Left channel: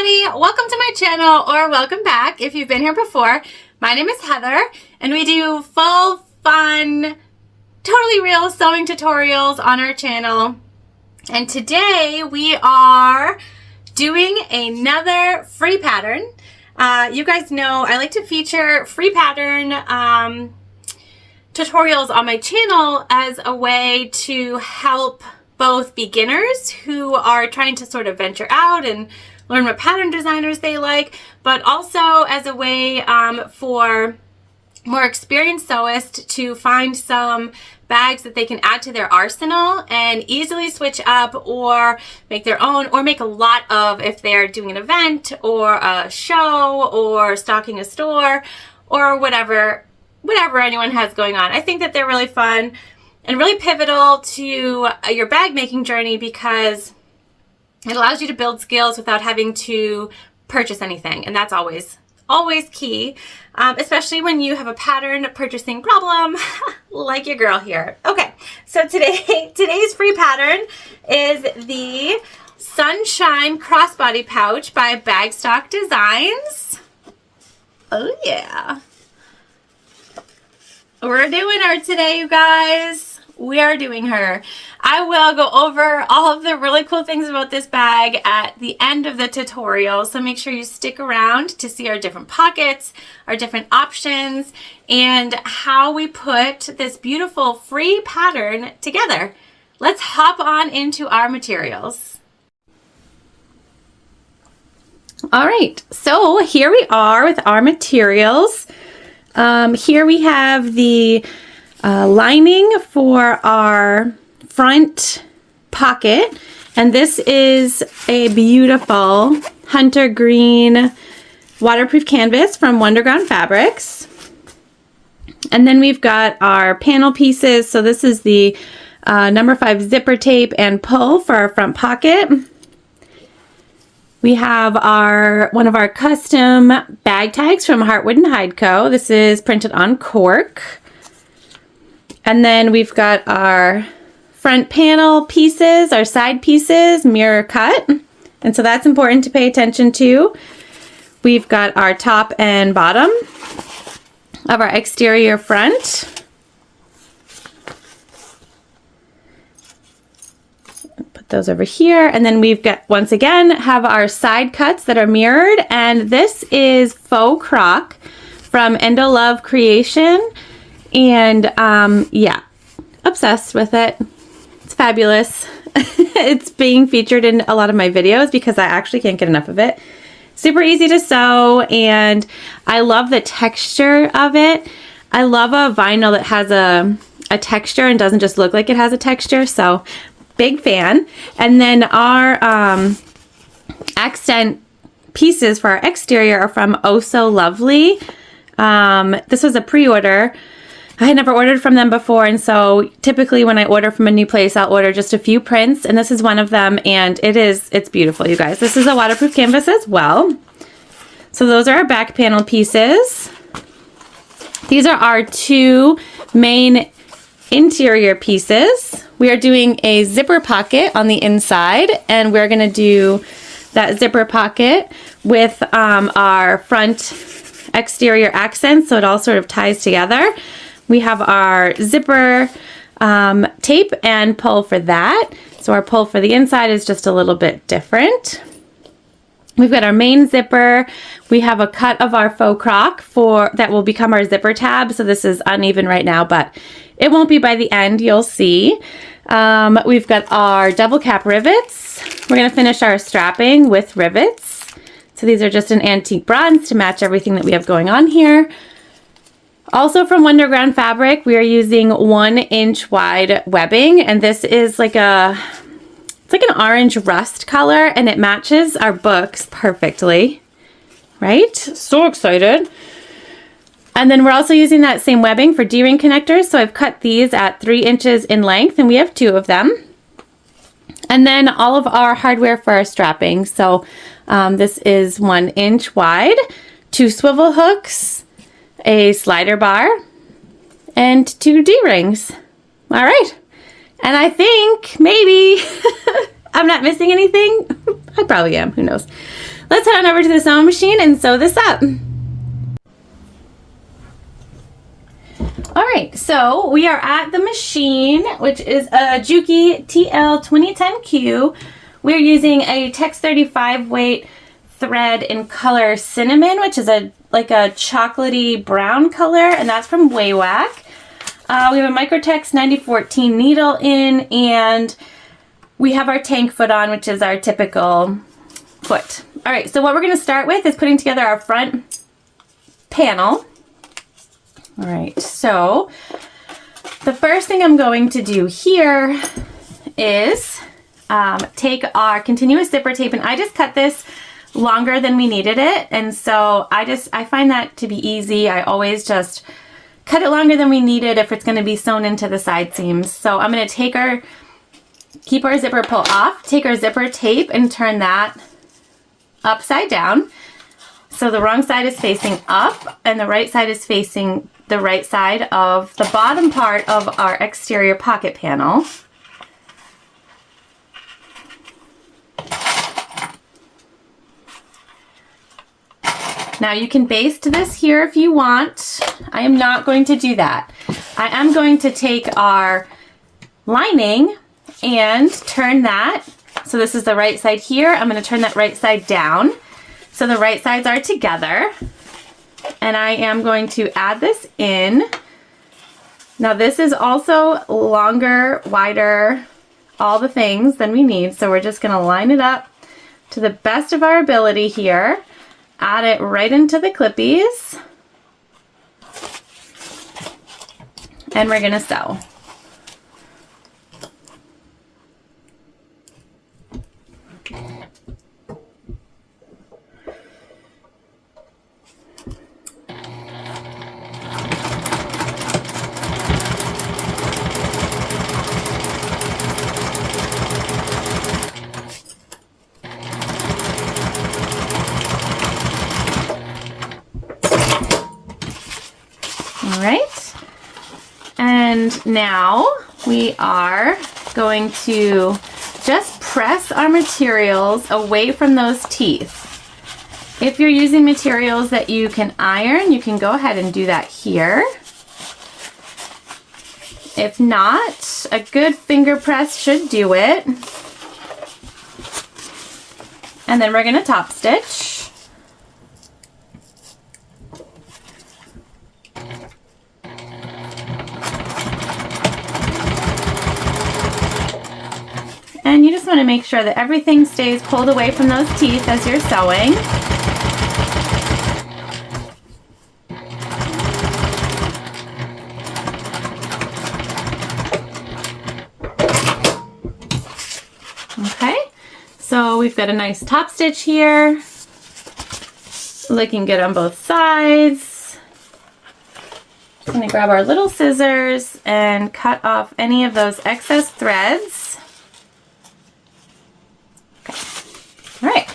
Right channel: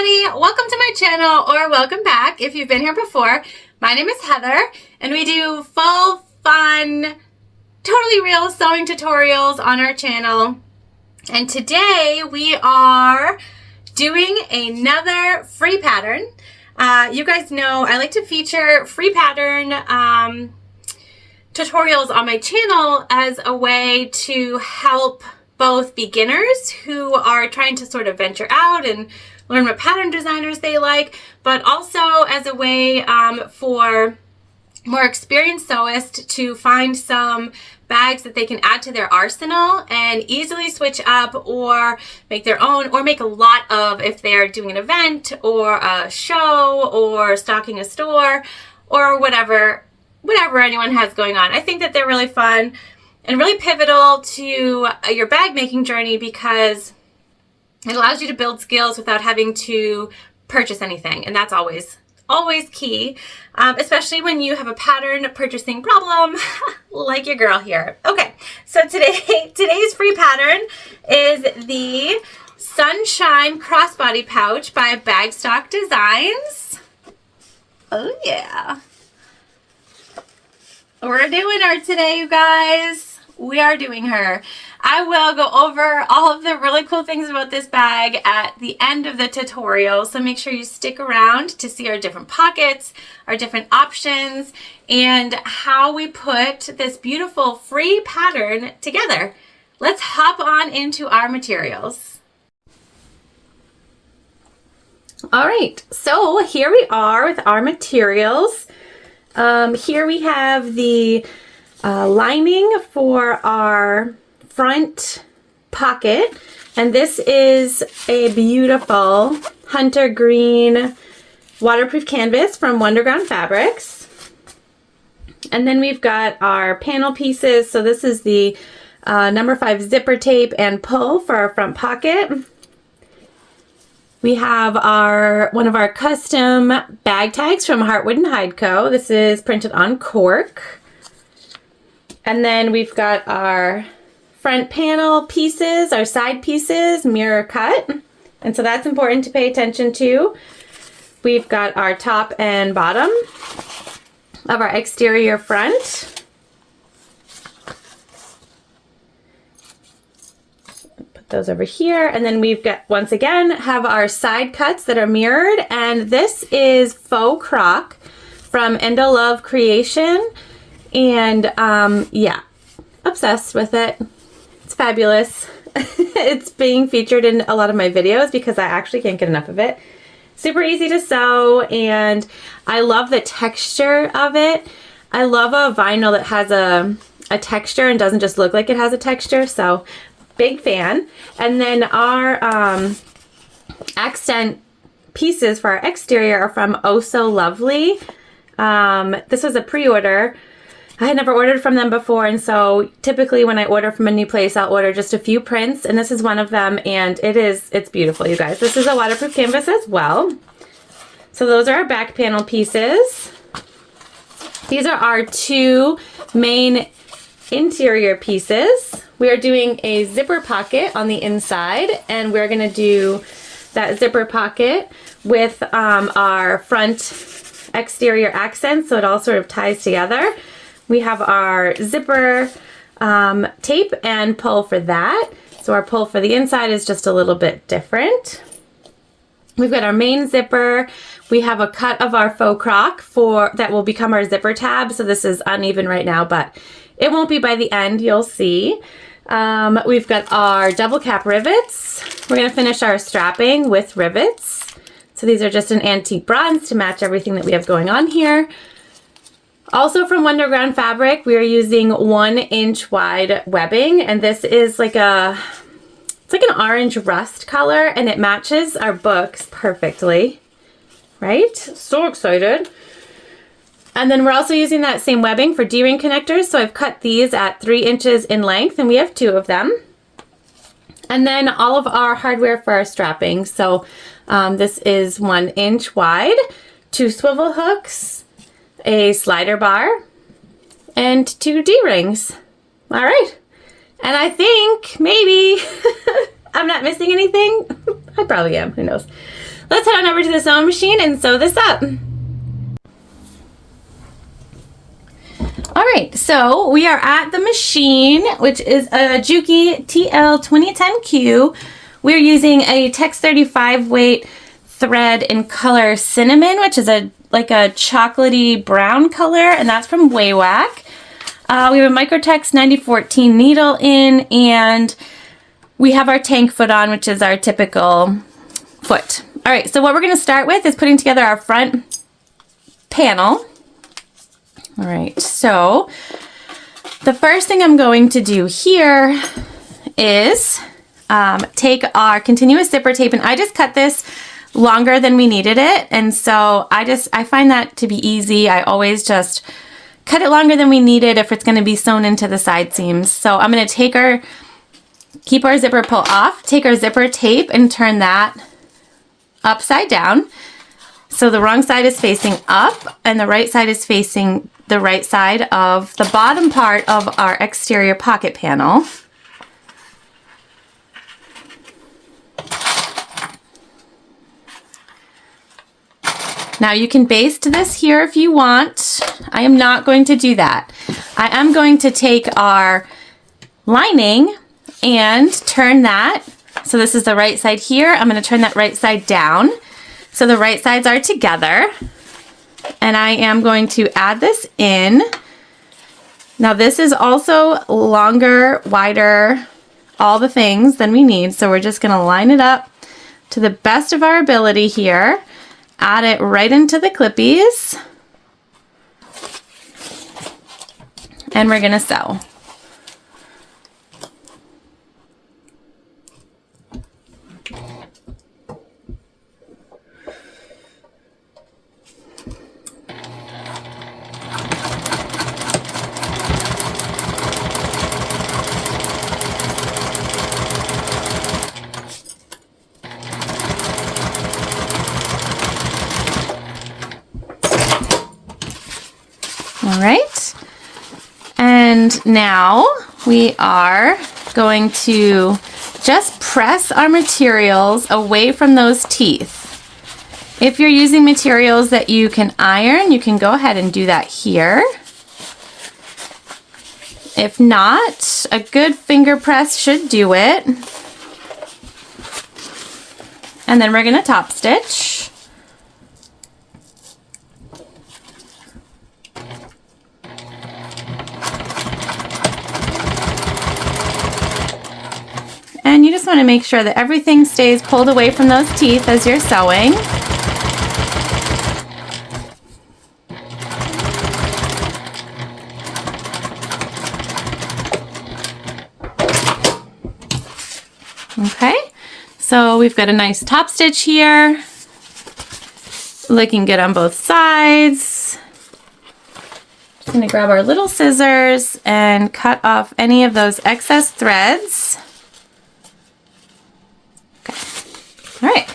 everybody, welcome to my channel, or welcome back if you've been here before. My name is Heather and we do full fun, totally real sewing tutorials on our channel. And today we are doing another free pattern. You guys know I like to feature free pattern tutorials on my channel as a way to help both beginners who are trying to sort of venture out and learn what pattern designers they like, but also as a way for more experienced sewists to find some bags that they can add to their arsenal and easily switch up or make their own, or make a lot of if they're doing an event or a show or stocking a store or whatever anyone has going on. I think that they're really fun and really pivotal to your bag making journey because it allows you to build skills without having to purchase anything. And that's always key, especially when you have a pattern purchasing problem like your girl here. Okay, so today's free pattern is the Sunshine Crossbody Pouch by Bagstock Designs. Oh yeah. We're doing her today, you guys. We are doing her. I will go over all of the really cool things about this bag at the end of the tutorial, so make sure you stick around to see our different pockets, our different options, and how we put this beautiful free pattern together. Let's hop on into our materials. All right, so here we are with our materials. Here we have the lining for our front pocket, and this is a beautiful hunter green waterproof canvas from Wonderground Fabrics. And then we've got our panel pieces. So this is the number 5 zipper tape and pull for our front pocket. We have one of our custom bag tags from Heartwood and Hide Co. This is printed on cork. And then we've got our front panel pieces, our side pieces, mirror cut. And so that's important to pay attention to. We've got our top and bottom of our exterior front. Put those over here. And then we've got, once again, have our side cuts that are mirrored. And this is faux croc from Endo Love Creation. And yeah, obsessed with it. It's fabulous. It's being featured in a lot of my videos because I actually can't get enough of it. Super easy to sew, and I love the texture of it. I love a vinyl that has a texture and doesn't just look like it has a texture, so big fan. And then our accent pieces for our exterior are from Oh So Lovely. This was a pre-order. I had never ordered from them before, and so typically when I order from a new place, I'll order just a few prints, and this is one of them, and it's beautiful, you guys. This is a waterproof canvas as well. So those are our back panel pieces. These are our 2 main interior pieces. We are doing a zipper pocket on the inside, and we're gonna do that zipper pocket with our front exterior accents, so it all sort of ties together. We have our zipper tape and pull for that. So our pull for the inside is just a little bit different. We've got our main zipper. We have a cut of our faux croc that will become our zipper tab. So this is uneven right now, but it won't be by the end, you'll see. We've got our double cap rivets. We're gonna finish our strapping with rivets. So these are just an antique bronze to match everything that we have going on here. Also from Wonderground Fabric, we are using 1-inch wide webbing, and this is like it's like an orange rust color, and it matches our books perfectly, right? So excited. And then we're also using that same webbing for D-ring connectors, so I've cut these at 3 inches in length, and we have 2 of them. And then all of our hardware for our strapping. So this is 1 inch wide, 2 swivel hooks, a slider bar, and 2 D-rings. All right. And I think maybe I'm not missing anything. I probably am, who knows. Let's head on over to the sewing machine and sew this up. All right, so we are at the machine, which is a Juki TL2010Q. We're using a Tex 35 weight thread in color cinnamon, which is like a chocolatey brown color, and that's from Waywack. We have a Microtex 9014 needle in, and we have our tank foot on, which is our typical foot. All right, so what we're going to start with is putting together our front panel. All right, so the first thing I'm going to do here is take our continuous zipper tape, and I just cut this longer than we needed it, and so I find that to be easy. I always just cut it longer than we need it if it's going to be sewn into the side seams. So I'm going to keep our zipper pull off, take our zipper tape and turn that upside down. So the wrong side is facing up and the right side is facing the right side of the bottom part of our exterior pocket panel. Now you can baste this here if you want. I am not going to do that. I am going to take our lining and turn that. So this is the right side here. I'm going to turn that right side down. So the right sides are together. And I am going to add this in. Now this is also longer, wider, all the things than we need. So we're just going to line it up to the best of our ability here. Add it right into the clippies. And we're going to sew. All right, and now we are going to just press our materials away from those teeth. If you're using materials that you can iron, you can go ahead and do that here. If not, a good finger press should do it. And then we're going to top stitch. And you just want to make sure that everything stays pulled away from those teeth as you're sewing. Okay, so we've got a nice top stitch here. Looking good on both sides. Just going to grab our little scissors and cut off any of those excess threads. All right,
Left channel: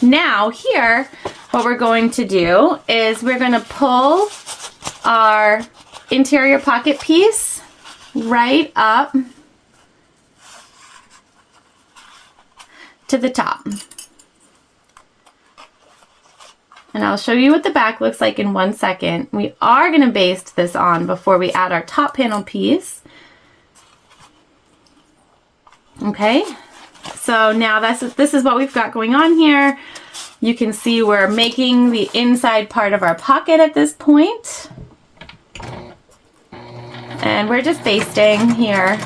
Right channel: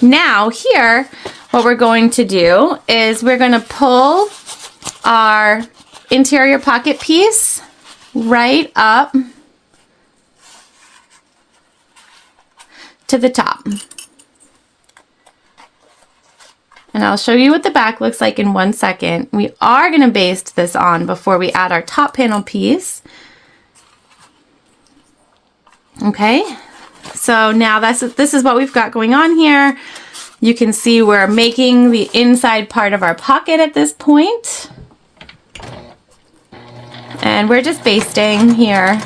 now here, what we're going to do is we're going to pull our interior pocket piece right up to the top. And I'll show you what the back looks like in 1 second. We are going to baste this on before we add our top panel piece. Okay. So now this is what we've got going on here. You can see we're making the inside part of our pocket at this point. And we're just basting here.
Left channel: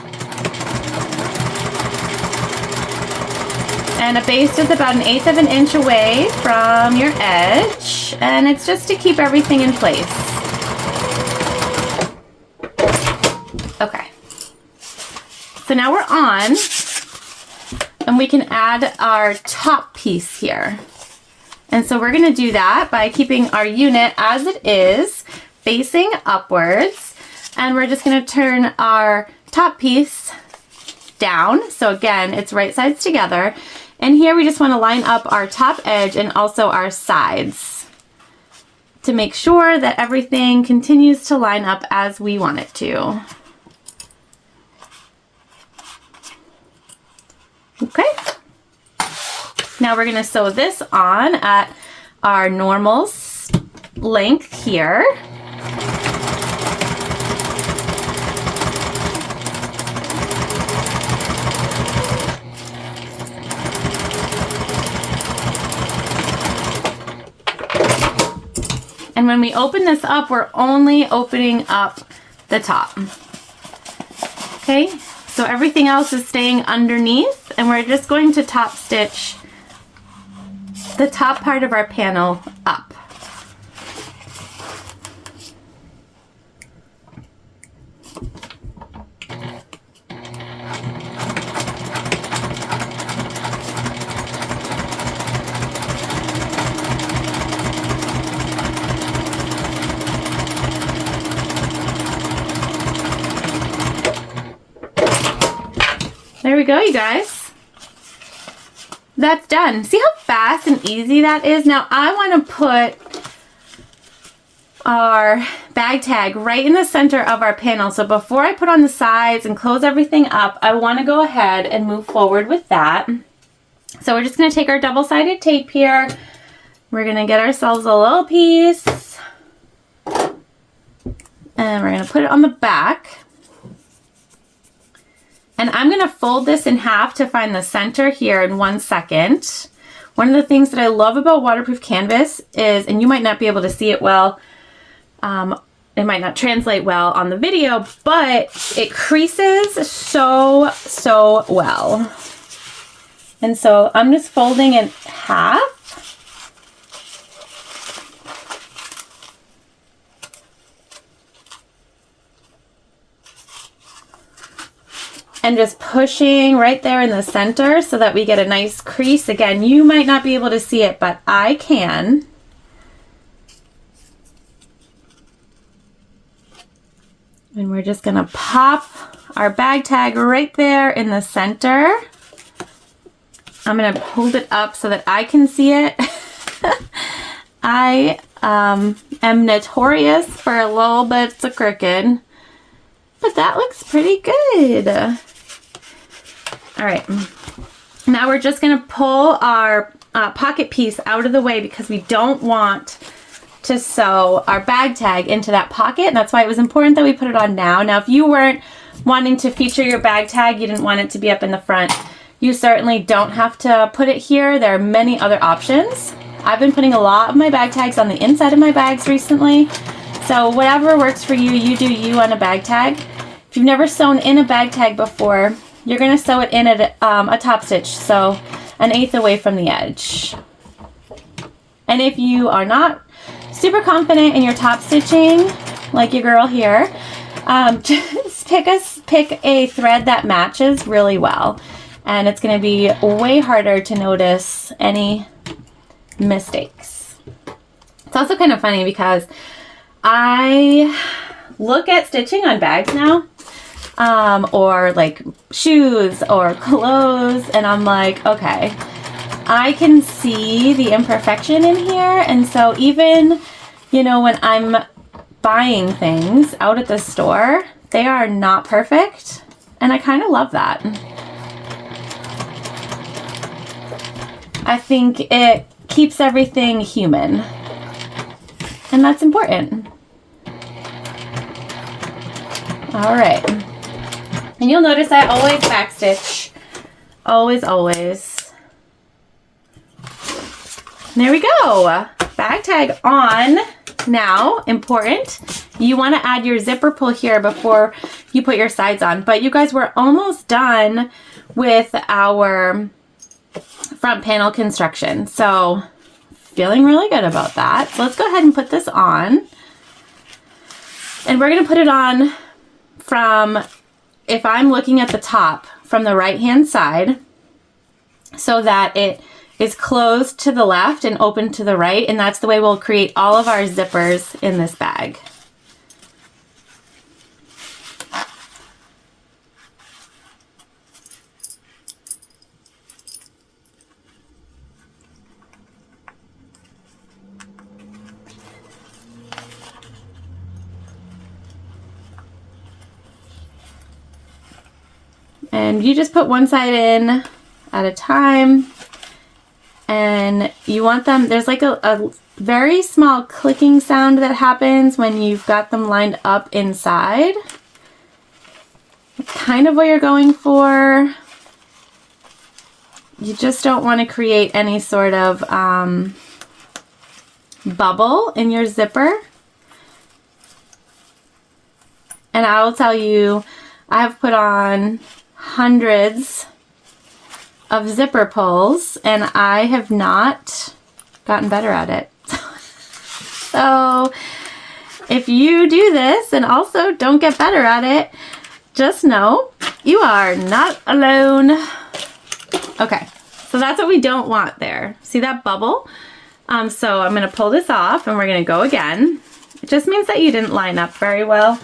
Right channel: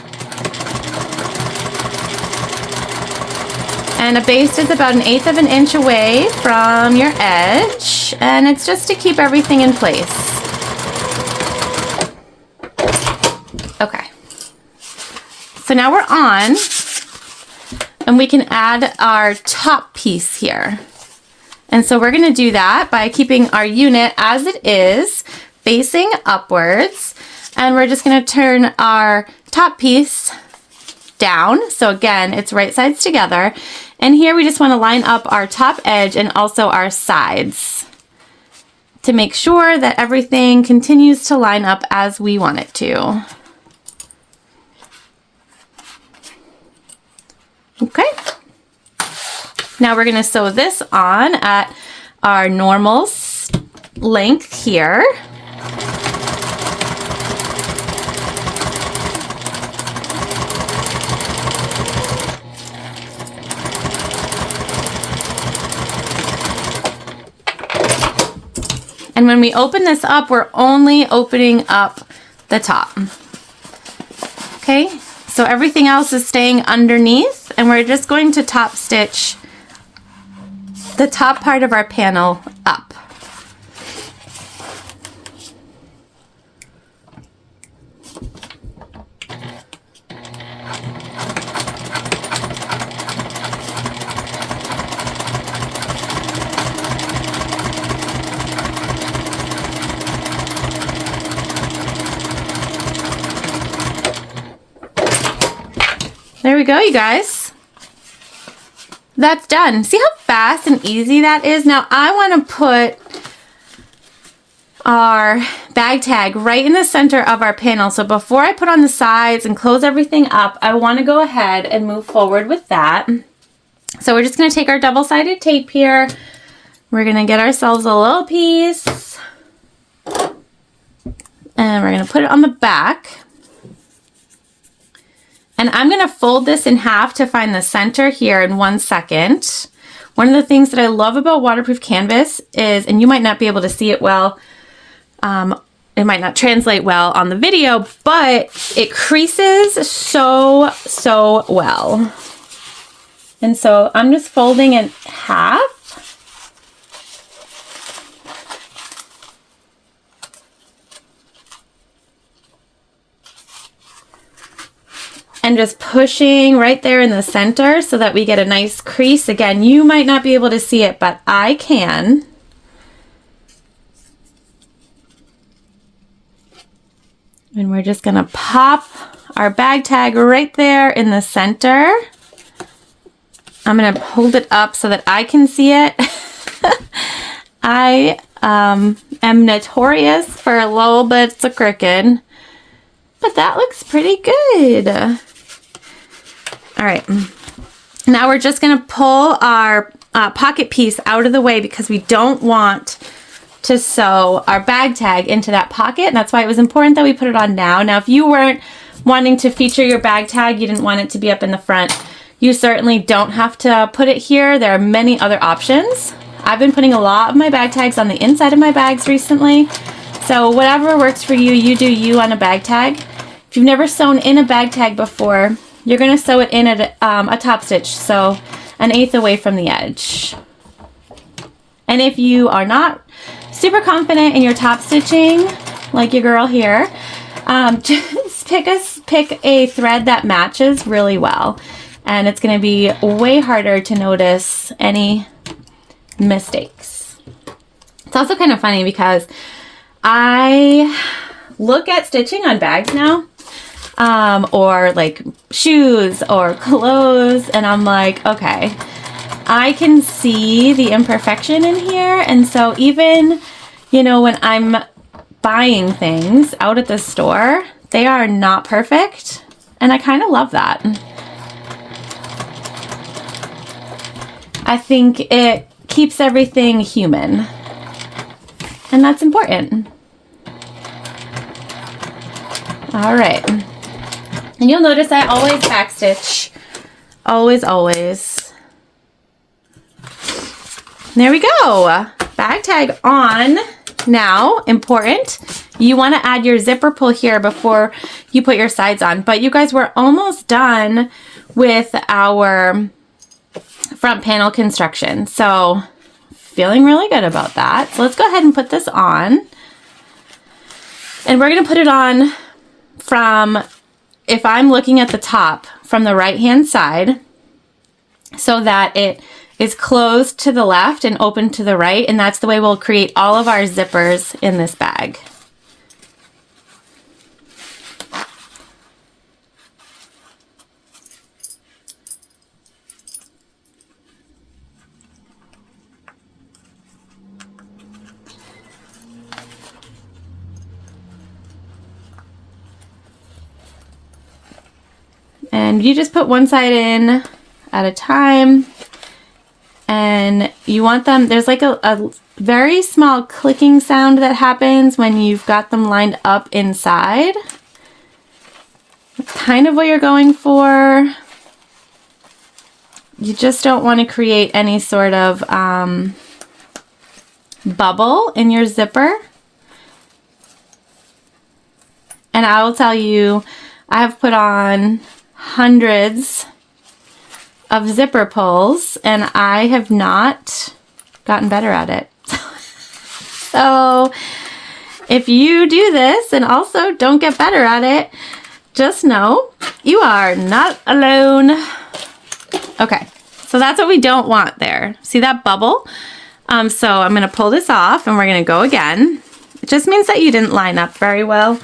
And a baste is about 1/8 of an inch away from your edge. And it's just to keep everything in place. Okay. So now we're on. And we can add our top piece here. And so we're going to do that by keeping our unit as it is, facing upwards. And we're just going to turn our top piece down. So again, it's right sides together. And here we just want to line up our top edge and also our sides to make sure that everything continues to line up as we want it to. Okay. Now we're going to sew this on at our normal length here. And when we open this up, we're only opening up the top. Okay, so everything else is staying underneath, and we're just going to top stitch the top part of our panel up. There we go, you guys. That's done. See how fast and easy that is? Now I want to put our bag tag right in the center of our panel. So before I put on the sides and close everything up, I want to go ahead and move forward with that. So we're just going to take our double-sided tape here. We're going to get ourselves a little piece. And we're going to put it on the back. And I'm going to fold this in half to find the center here in 1 second. One of the things that I love about waterproof canvas is, and you might not be able to see it well, it might not translate well on the video, but it creases so well. And so I'm just folding in half. And just pushing right there in the center so that we get a nice crease. Again, you might not be able to see it, but I can. And we're just gonna pop our bag tag right there in the center. I'm gonna hold it up so that I can see it. I am notorious for little bits of crooked, but that looks pretty good. All right, now we're just gonna pull our pocket piece out of the way because we don't want to sew our bag tag into that pocket. And that's why it was important that we put it on now. Now, if you weren't wanting to feature your bag tag, you didn't want it to be up in the front, you certainly don't have to put it here. There are many other options. I've been putting a lot of my bag tags on the inside of my bags recently. So whatever works for you, you do you on a bag tag. If you've never sewn in a bag tag before, you're gonna sew it in at a top stitch, so 1/8 away from the edge. And if you are not super confident in your top stitching, like your girl here, just pick a thread that matches really well. And it's gonna be way harder to notice any mistakes. It's also kind of funny because I look at stitching on bags now, or like shoes or clothes, and I'm like, okay, I can see the imperfection in here. And so even, you know, when I'm buying things out at the store, they are not perfect. And I kind of love that. I think it keeps everything human. And that's important. All right. And you'll notice I always backstitch. Always, always. There we go. Bag tag on. Now, important, you want to add your zipper pull here before you put your sides on. But you guys, we're almost done with our front panel construction. So feeling really good about that. So let's go ahead and put this on. And we're going to put it on from, if I'm looking at the top, from the right hand side, so that it is closed to the left and open to the right, and that's the way we'll create all of our zippers in this bag. And you just put one side in at a time. And you want them, there's like a very small clicking sound that happens when you've got them lined up inside. It's kind of what you're going for. You just don't want to create any sort of bubble in your zipper. And I will tell you, I have put on hundreds of zipper pulls and I have not gotten better at it. So if you do this and also don't get better at it, just know you are not alone. Okay, so that's what we don't want there. See that bubble? So I'm gonna pull this off and we're gonna go again. It just means that you didn't line up very well.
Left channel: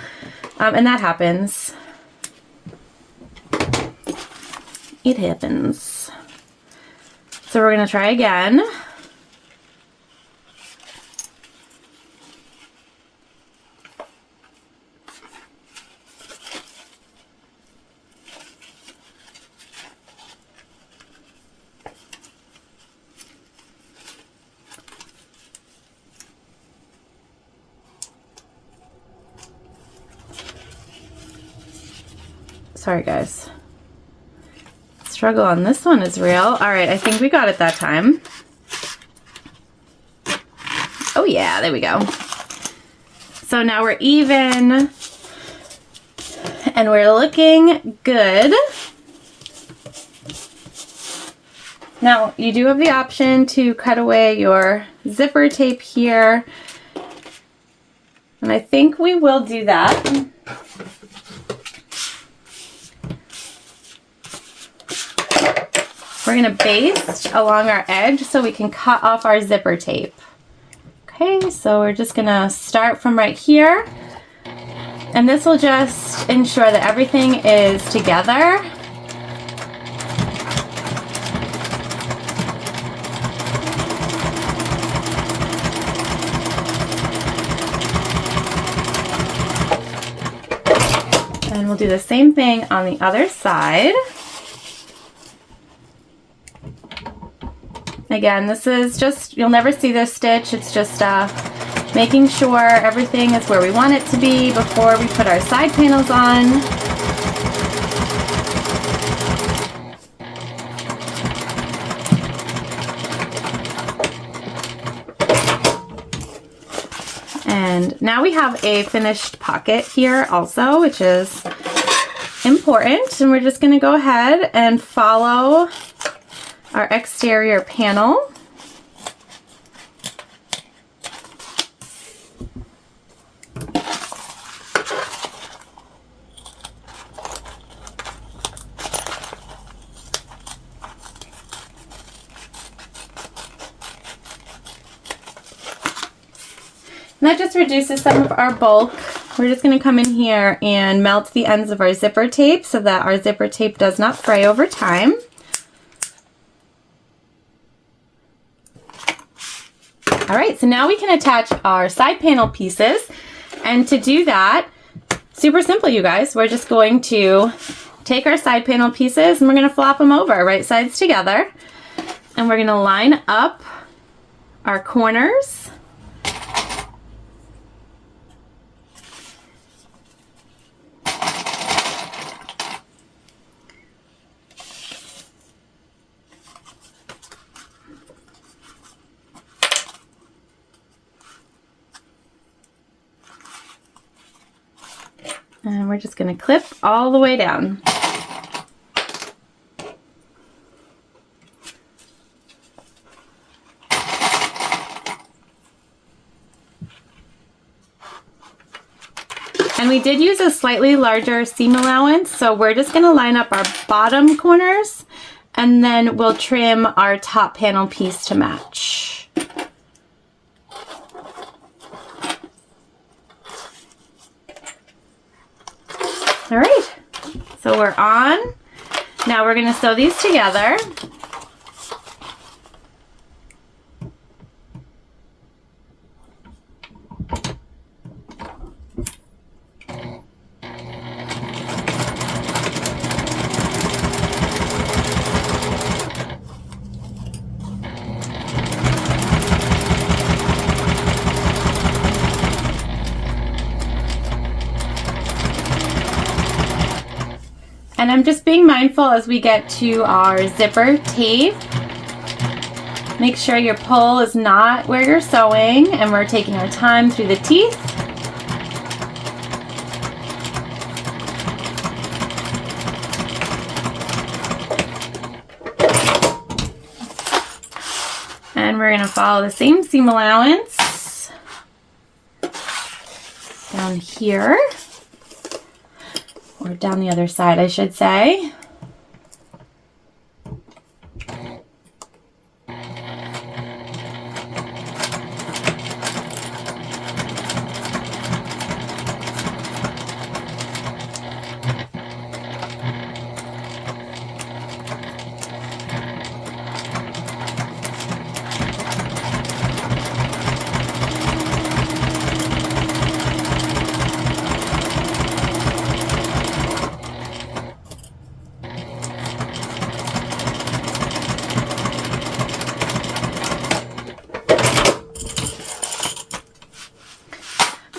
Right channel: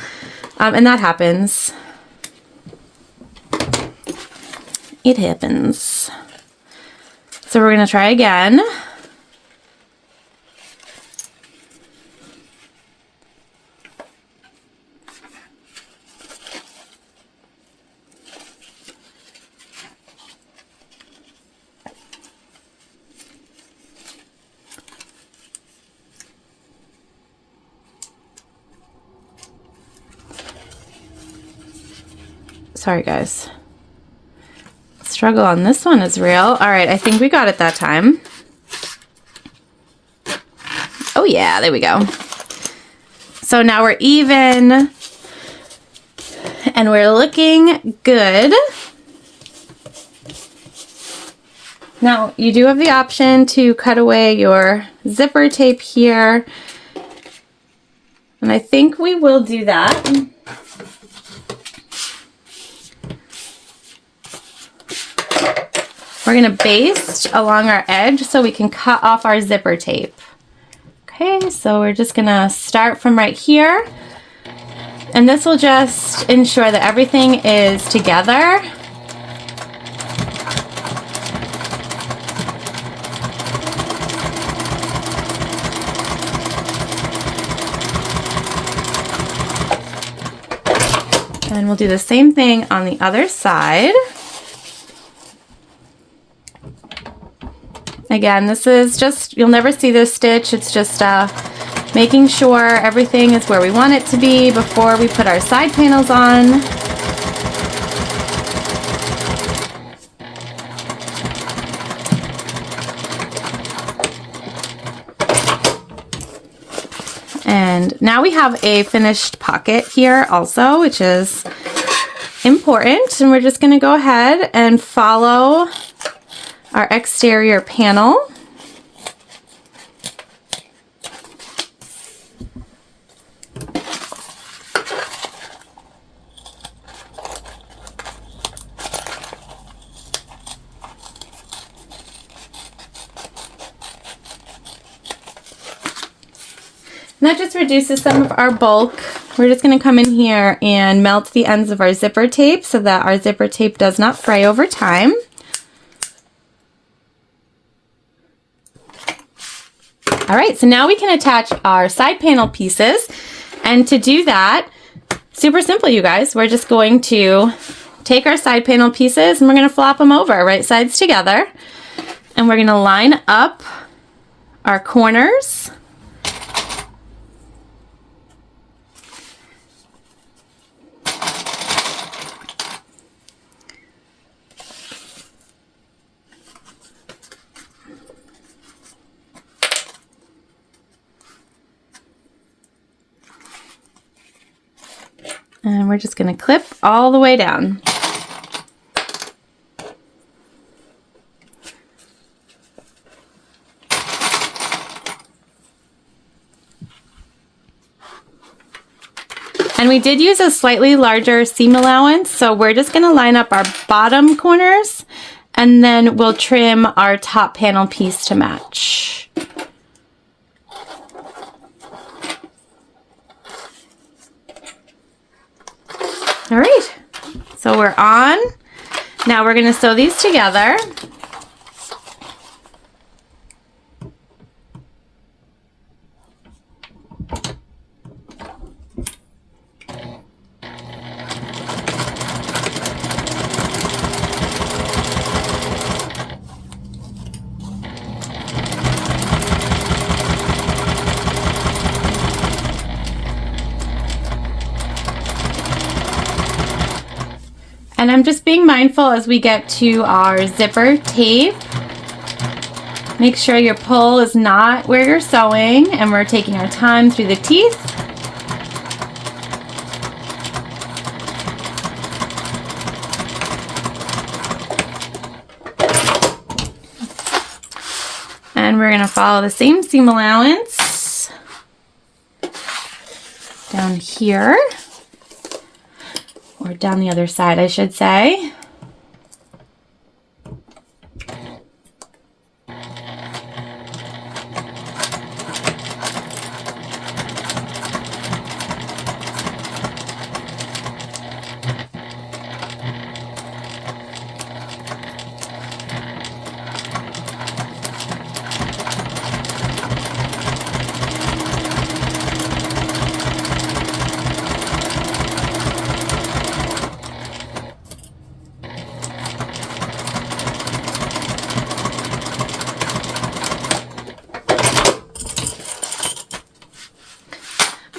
And that happens. It happens. So we're gonna try again. Sorry guys. Struggle on this one is real. All right, I think we got it that time. Oh yeah, there we go. So now we're even and we're looking good. Now you do have the option to cut away your zipper tape here. And I think we will do that. We're going to baste along our edge so we can cut off our zipper tape. Okay, so we're just going to start from right here. And this will just ensure that everything is together. And we'll do the same thing on the other side. Again, this is just, you'll never see this stitch. It's just making sure everything is where we want it to be before we put our side panels on. And now we have a finished pocket here also, which is important. And we're just going to go ahead and follow our exterior panel. And that just reduces some of our bulk. We're just going to come in here and melt the ends of our zipper tape so that our zipper tape does not fray over time. All right, so now we can attach our side panel pieces. And to do that, super simple, you guys. We're just going to take our side panel pieces and we're going to flop them over, right sides together. And we're going to line up our corners. And we're just going to clip all the way down. And we did use a slightly larger seam allowance, so we're just going to line up our bottom corners and then we'll trim our top panel piece to match. All right, so we're on. Now we're going to sew these together. I'm just being mindful as we get to our zipper tape. Make sure your pull is not where you're sewing, and we're taking our time through the teeth. And we're going to follow the same seam allowance down here, or down the other side, I should say.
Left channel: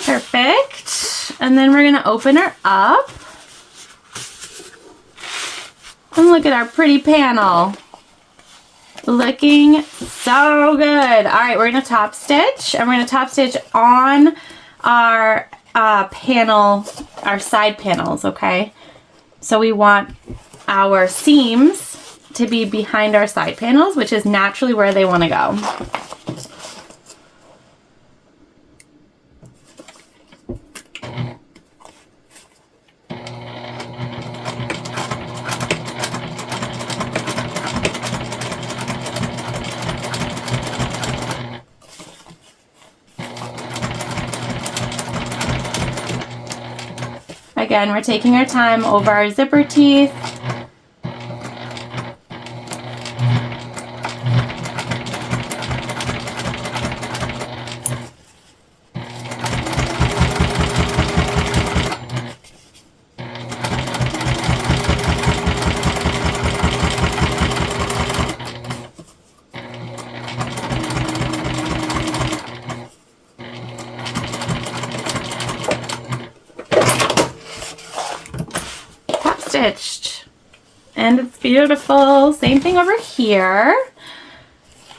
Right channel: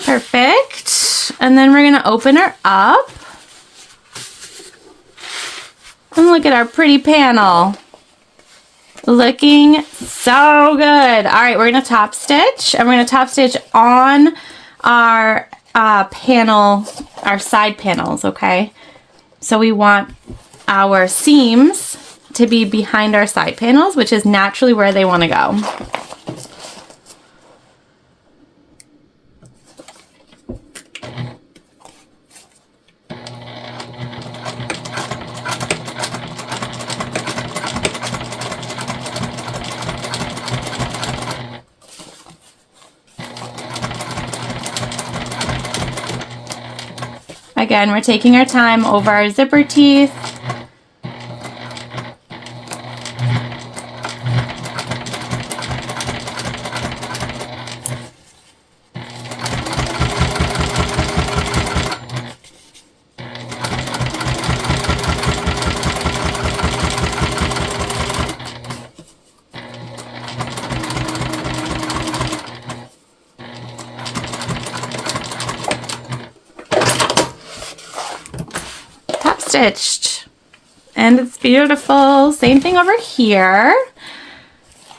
Perfect. And then we're going to open her up. And look at our pretty panel. Looking so good. All right, we're going to top stitch, and we're going to top stitch on our panel, our side panels, okay? So we want our seams to be behind our side panels, which is naturally where they want to go. Again, we're taking our time over our zipper teeth. Stitched, and it's beautiful. Same thing over here.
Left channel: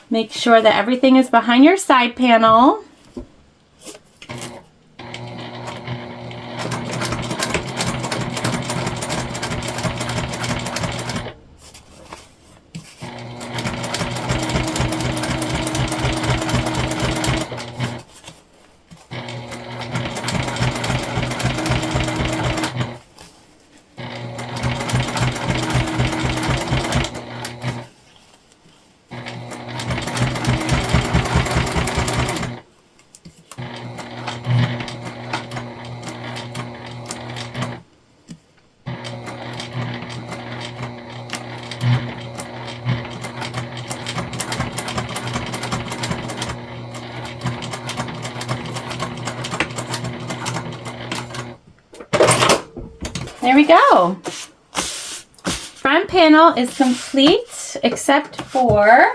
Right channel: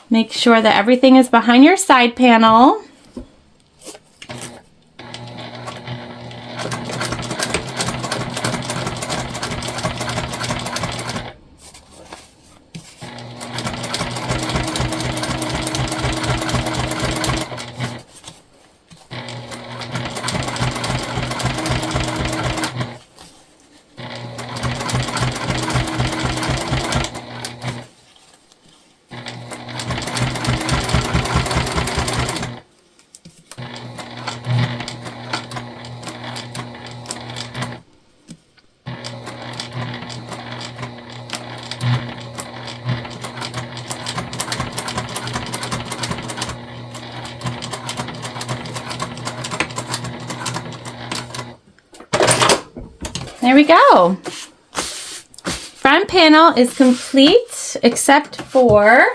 Make sure that everything is behind your side panel. There we go. Front panel is complete except for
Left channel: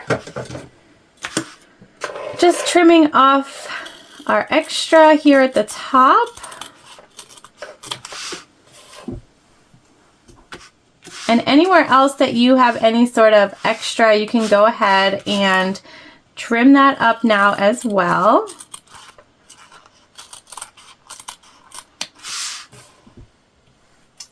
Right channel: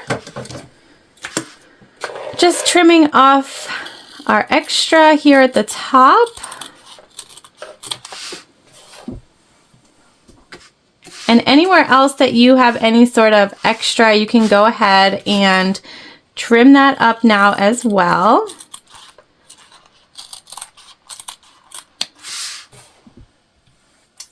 just trimming off our extra here at the top. And anywhere else that you have any sort of extra, you can go ahead and trim that up now as well.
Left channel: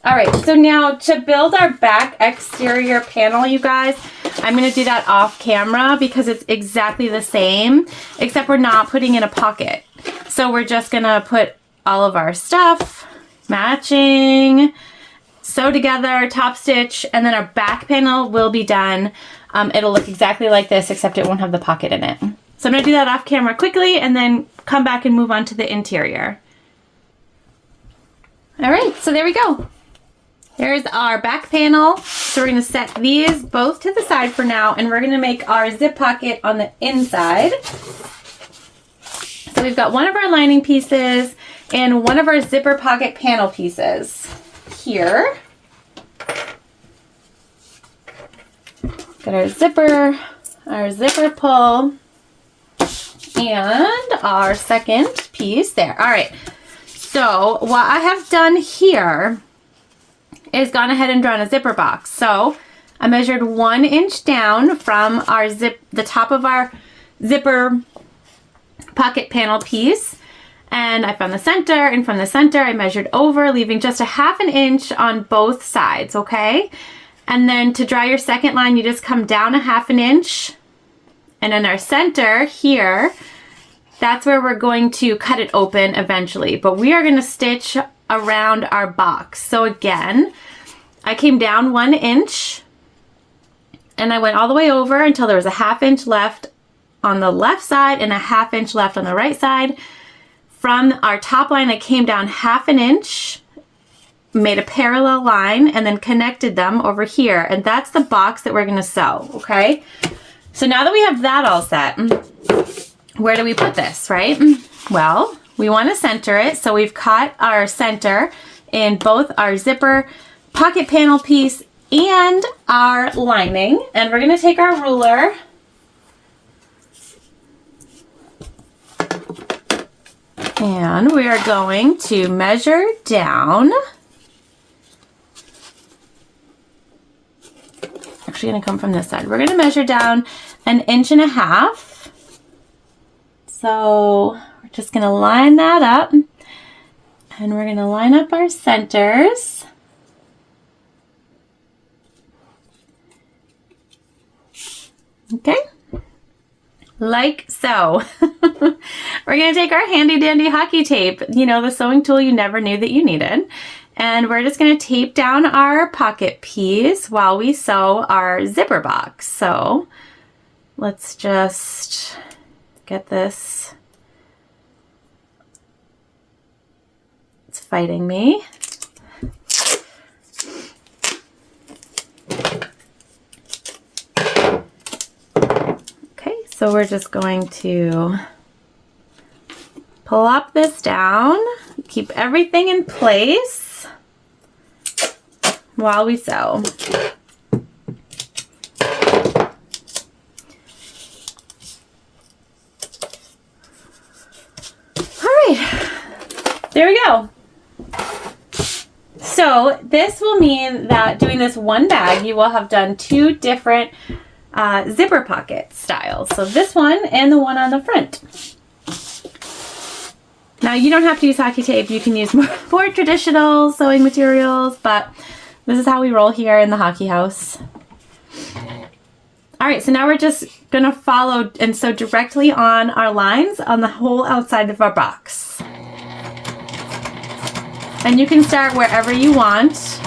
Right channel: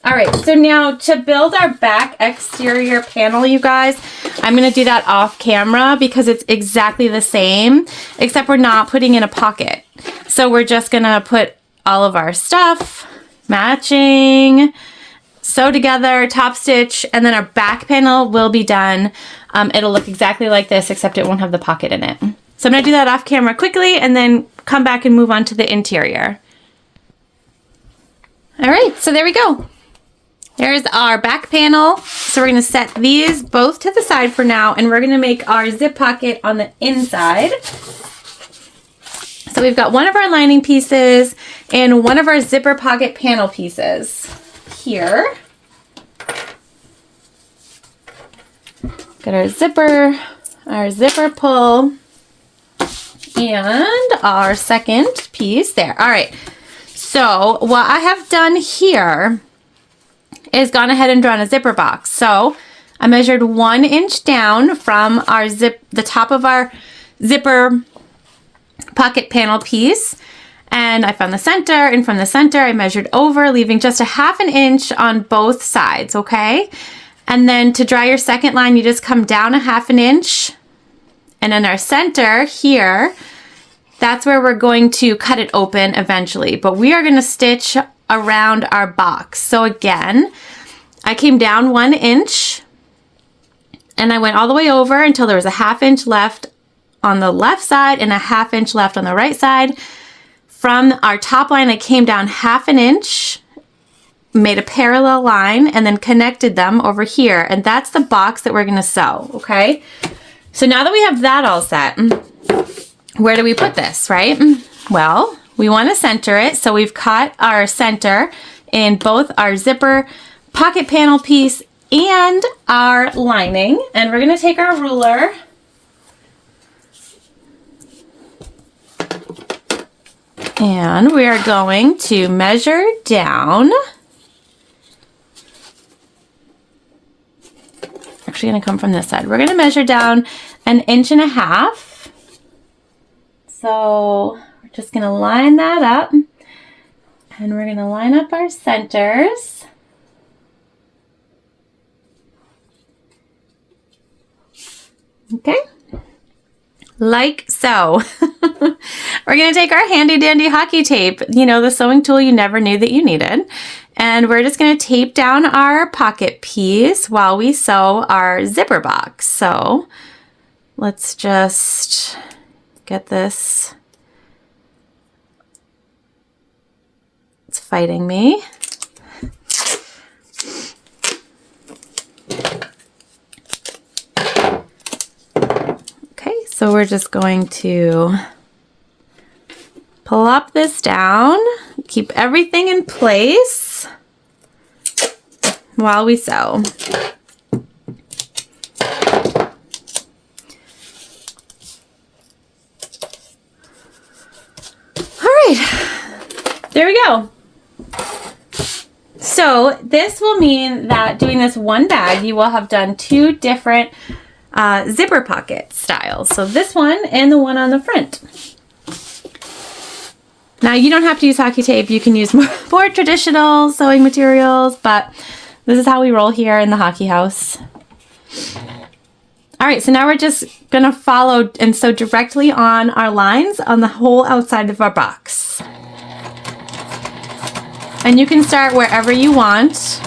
All right, so now to build our back exterior panel, you guys, I'm going to do that off camera because it's exactly the same, except we're not putting in a pocket. So we're just going to put all of our stuff, matching, sew together, top stitch, and then our back panel will be done. It'll look exactly like this, except it won't have the pocket in it. So I'm going to do that off camera quickly and then come back and move on to the interior. All right, so there we go. There's our back panel. So we're going to set these both to the side for now, and we're going to make our zip pocket on the inside. So we've got one of our lining pieces and one of our zipper pocket panel pieces here. Got our zipper pull, and our second piece there. All right. So what I have done here is gone ahead and drawn a zipper box. So I measured 1 inch down from our the top of our zipper pocket panel piece, and I found the center, and from the center I measured over, leaving just a 1/2 inch on both sides, okay? And then to draw your second line, you just come down a 1/2 inch, and in our center here, that's where we're going to cut it open eventually, but we are gonna stitch around our box. So again, I came down 1 inch, and I went all the way over until there was a 1/2 inch left on the left side and a 1/2 inch left on the right side. From our top line, I came down 1/2 inch, made a parallel line, and then connected them over here. And that's the box that we're gonna sew, okay? So now that we have that all set, where do we put this, right? Well, we wanna center it. So we've cut our center in both our zipper pocket panel piece and our lining. And we're gonna take our ruler and we are going to measure down. Actually gonna come from this side. We're gonna measure down 1.5 inches. So we're just gonna line that up, and we're gonna line up our centers. Okay, like so. We're gonna take our handy dandy hockey tape, you know, the sewing tool you never knew that you needed, and we're just gonna tape down our pocket piece while we sew our zipper box. So let's just get this. It's fighting me. So we're just going to plop this down, keep everything in place while we sew. All right, there we go. So this will mean that doing this one bag, you will have done 2 different zipper pocket styles. So this one and the one on the front. Now you don't have to use hockey tape. You can use more traditional sewing materials, but this is how we roll here in the hockey house. All right, so now we're just gonna follow and sew directly on our lines on the whole outside of our box. And you can start wherever you want.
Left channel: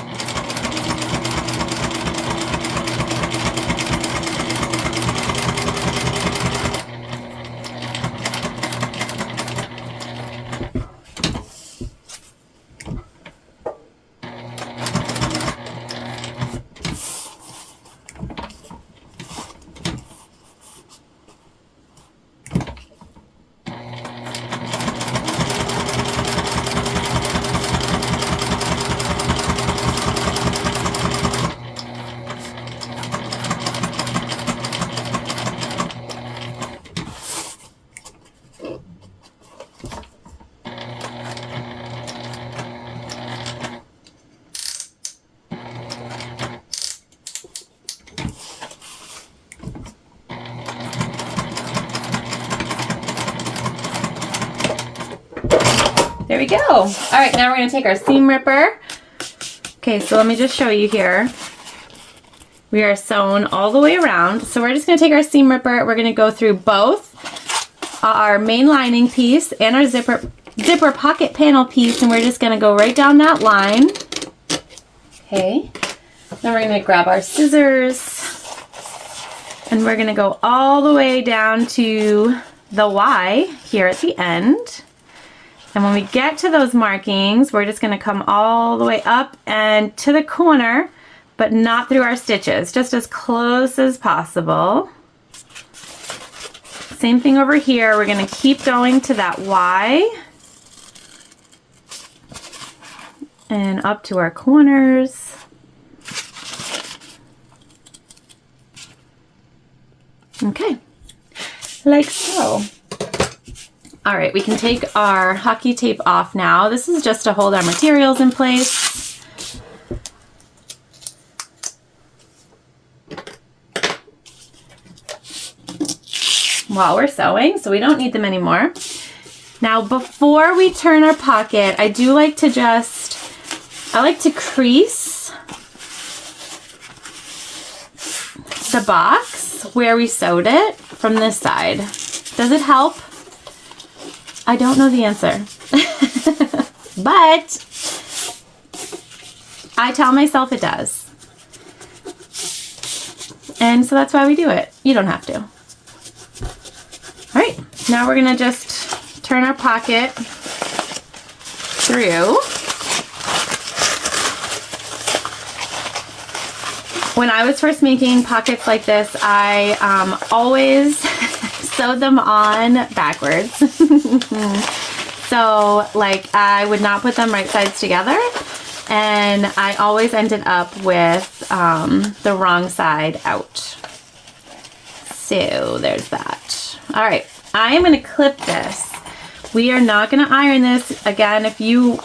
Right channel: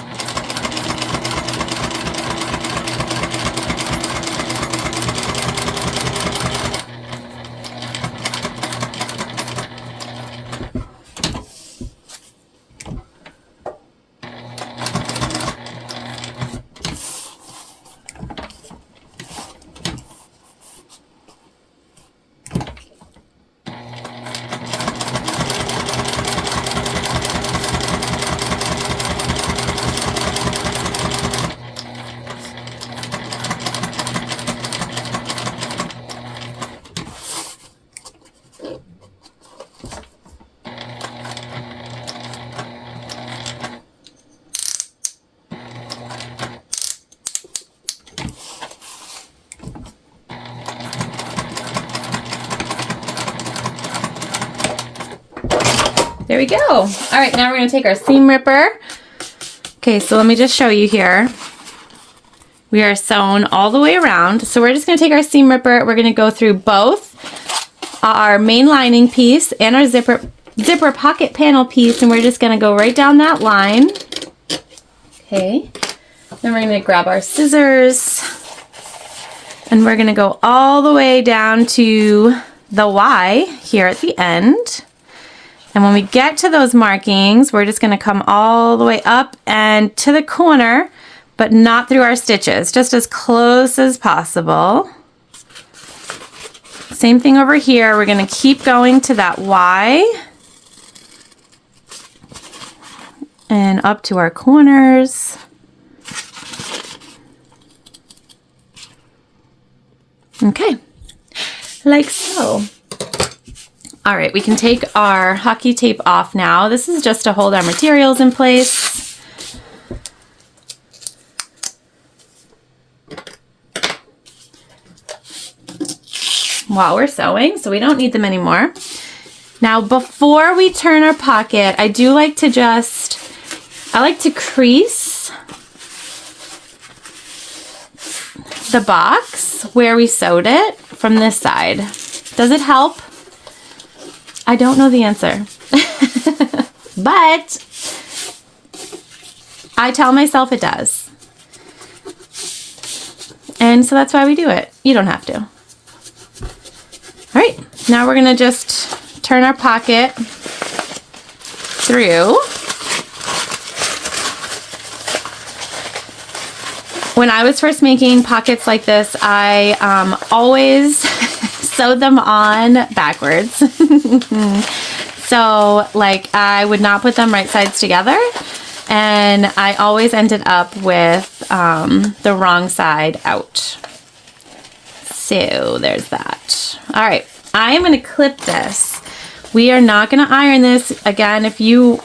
There we go. All right, now we're gonna take our seam ripper. Okay, so let me just show you here. We are sewn all the way around. So we're just gonna take our seam ripper. We're gonna go through both our main lining piece and our zipper pocket panel piece, and we're just gonna go right down that line. Okay, then we're gonna grab our scissors, and we're gonna go all the way down to the Y here at the end. And when we get to those markings, we're just gonna come all the way up and to the corner, but not through our stitches, just as close as possible. Same thing over here. We're gonna keep going to that Y and up to our corners. Okay, like so. All right, we can take our hockey tape off now. This is just to hold our materials in place. while we're sewing, so we don't need them anymore. Now, before we turn our pocket, I do like to I like to crease the box where we sewed it from this side. Does it help? I don't know the answer. But I tell myself it does. And so that's why we do it. You don't have to. All right, now we're gonna just turn our pocket through. When I was first making pockets like this, I always sewed them on backwards. So like I would not put them right sides together, and I always ended up with the wrong side out. So there's that. All right, I am going to clip this. We are not going to iron this. Again, if you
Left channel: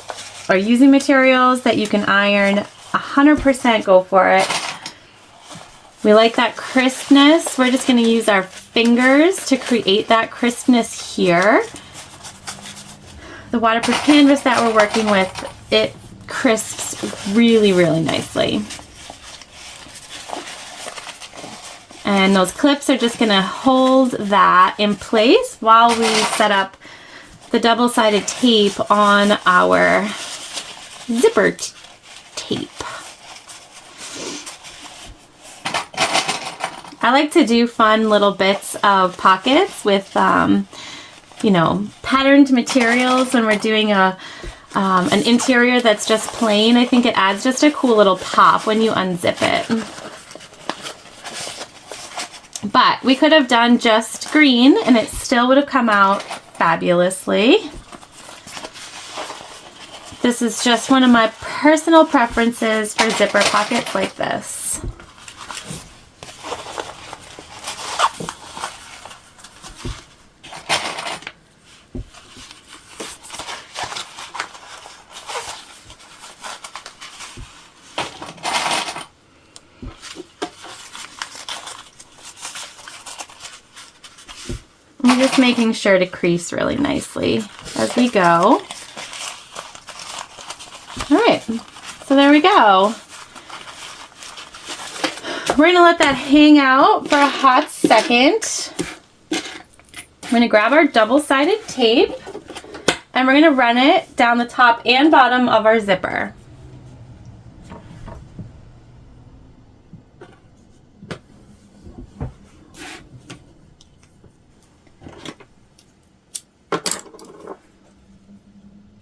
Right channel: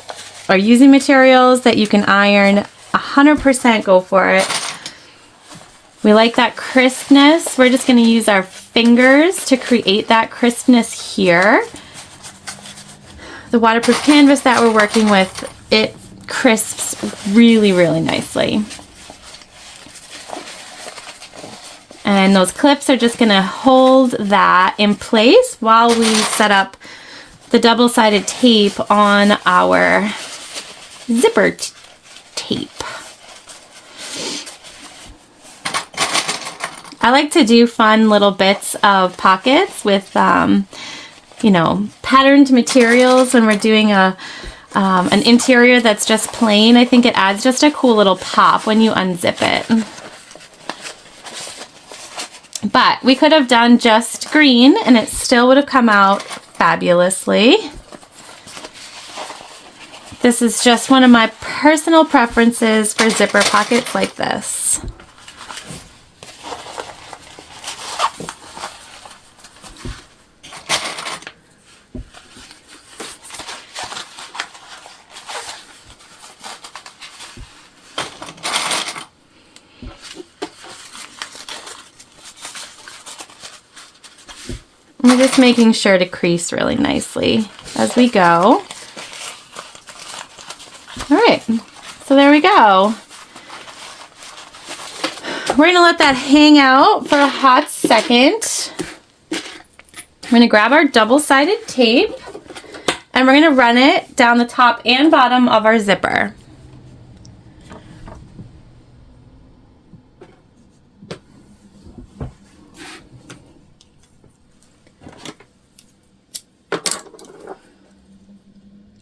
are using materials that you can iron, 100% go for it. We like that crispness. We're just going to use our fingers to create that crispness here. The waterproof canvas that we're working with, it crisps really, really nicely. And those clips are just going to hold that in place while we set up the double-sided tape on our zipper tape. I like to do fun little bits of pockets with, you know, patterned materials when we're doing an interior that's just plain. I think it adds just a cool little pop when you unzip it. But we could have done just green and it still would have come out fabulously. This is just one of my personal preferences for zipper pockets like this. I'm just making sure to crease really nicely as we go. All right, so there we go. We're gonna let that hang out for a hot second. I'm gonna grab our double-sided tape and we're gonna run it down the top and bottom of our zipper.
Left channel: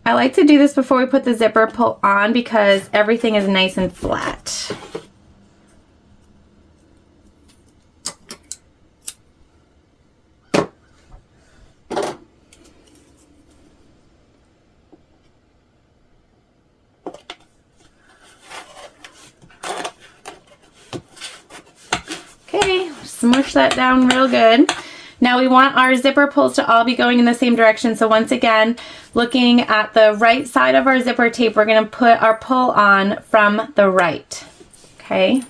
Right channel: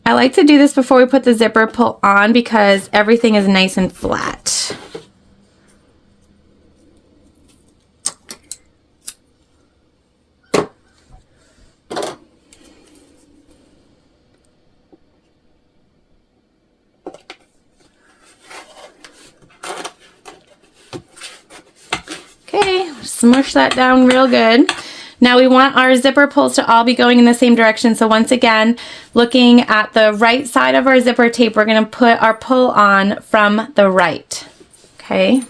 I like to do this before we put the zipper pull on because everything is nice and flat. Okay, smush that down real good. Now we want our zipper pulls to all be going in the same direction. So once again, looking at the right side of our zipper tape, we're going to put our pull on from the right. Okay.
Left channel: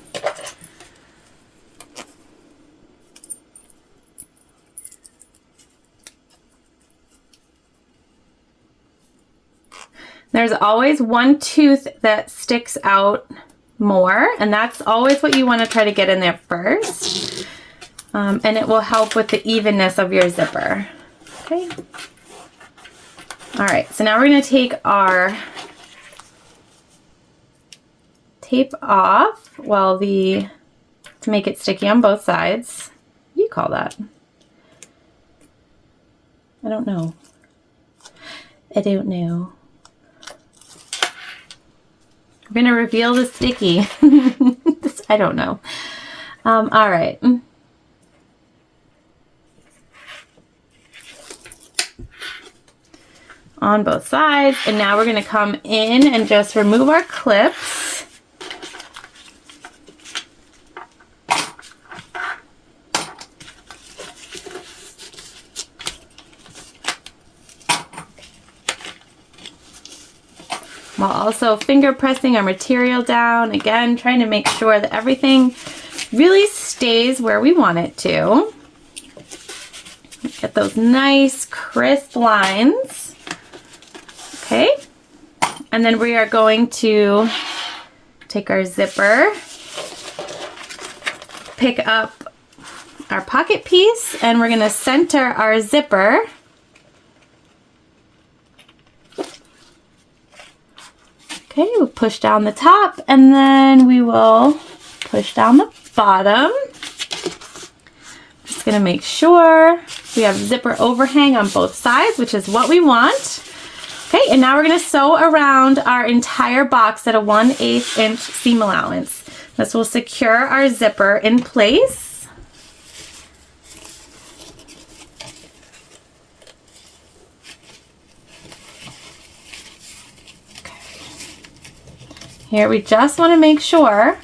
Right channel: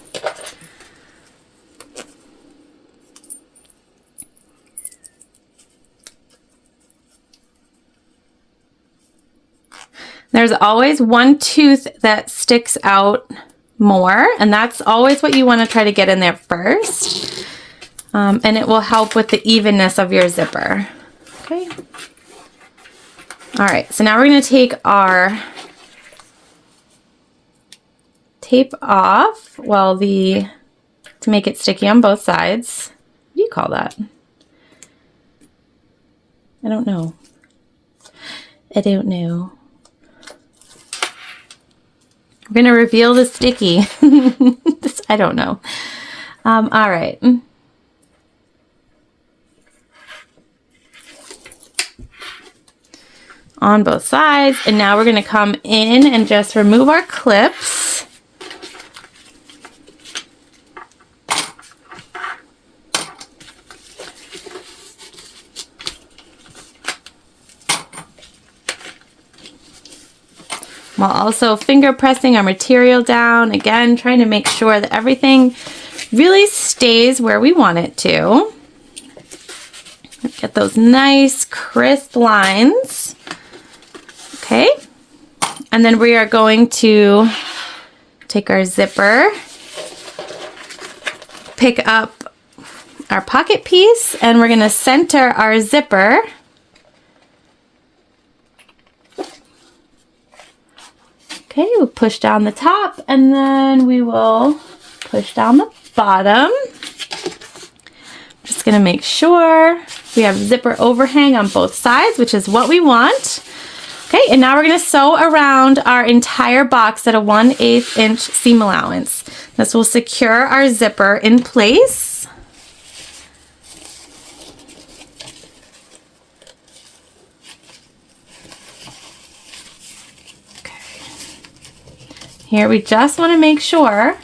There's always one tooth that sticks out more, and that's always what you want to try to get in there first. And it will help with the evenness of your zipper. Okay. All right, so now we're going to take our tape off to make it sticky on both sides. What do you call that? I don't know. I don't know. I'm going to reveal the sticky. I don't know. All right. On both sides, and now we're going to come in and just remove our clips. While also finger pressing our material down, again trying to make sure that everything really stays where we want it to. Get those nice crisp lines. Okay. And then we are going to take our zipper, pick up our pocket piece, and we're going to center our zipper. Okay, we'll push down the top, and then we will push down the bottom. Just going to make sure we have zipper overhang on both sides, which is what we want. Okay, and now we're going to sew around our entire box at a 1/8 inch seam allowance. This will secure our zipper in place. Here we just want to make sure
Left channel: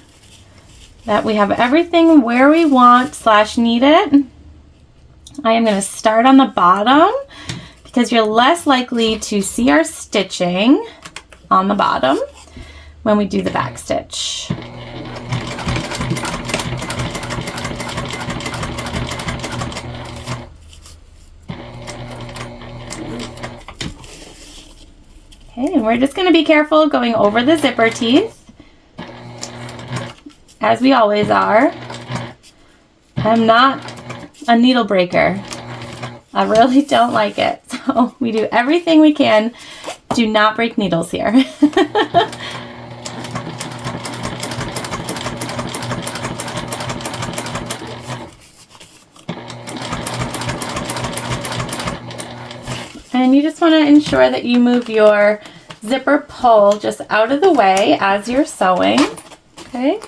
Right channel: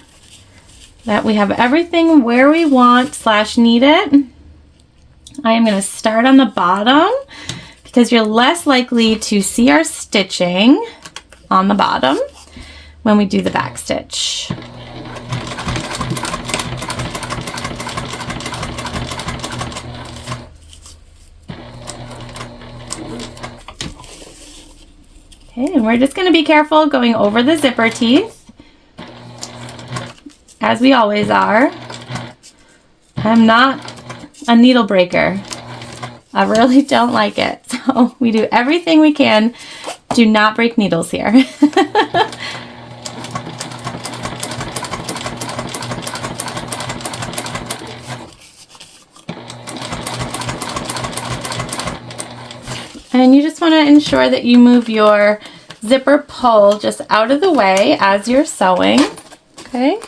that we have everything where we want / need it. I am going to start on the bottom because you're less likely to see our stitching on the bottom when we do the back stitch. Okay, and we're just going to be careful going over the zipper teeth, as we always are. I'm not a needle breaker. I really don't like it. So we do everything we can. Do not break needles here. And you just want to ensure that you move your zipper pull just out of the way as you're sewing. Okay.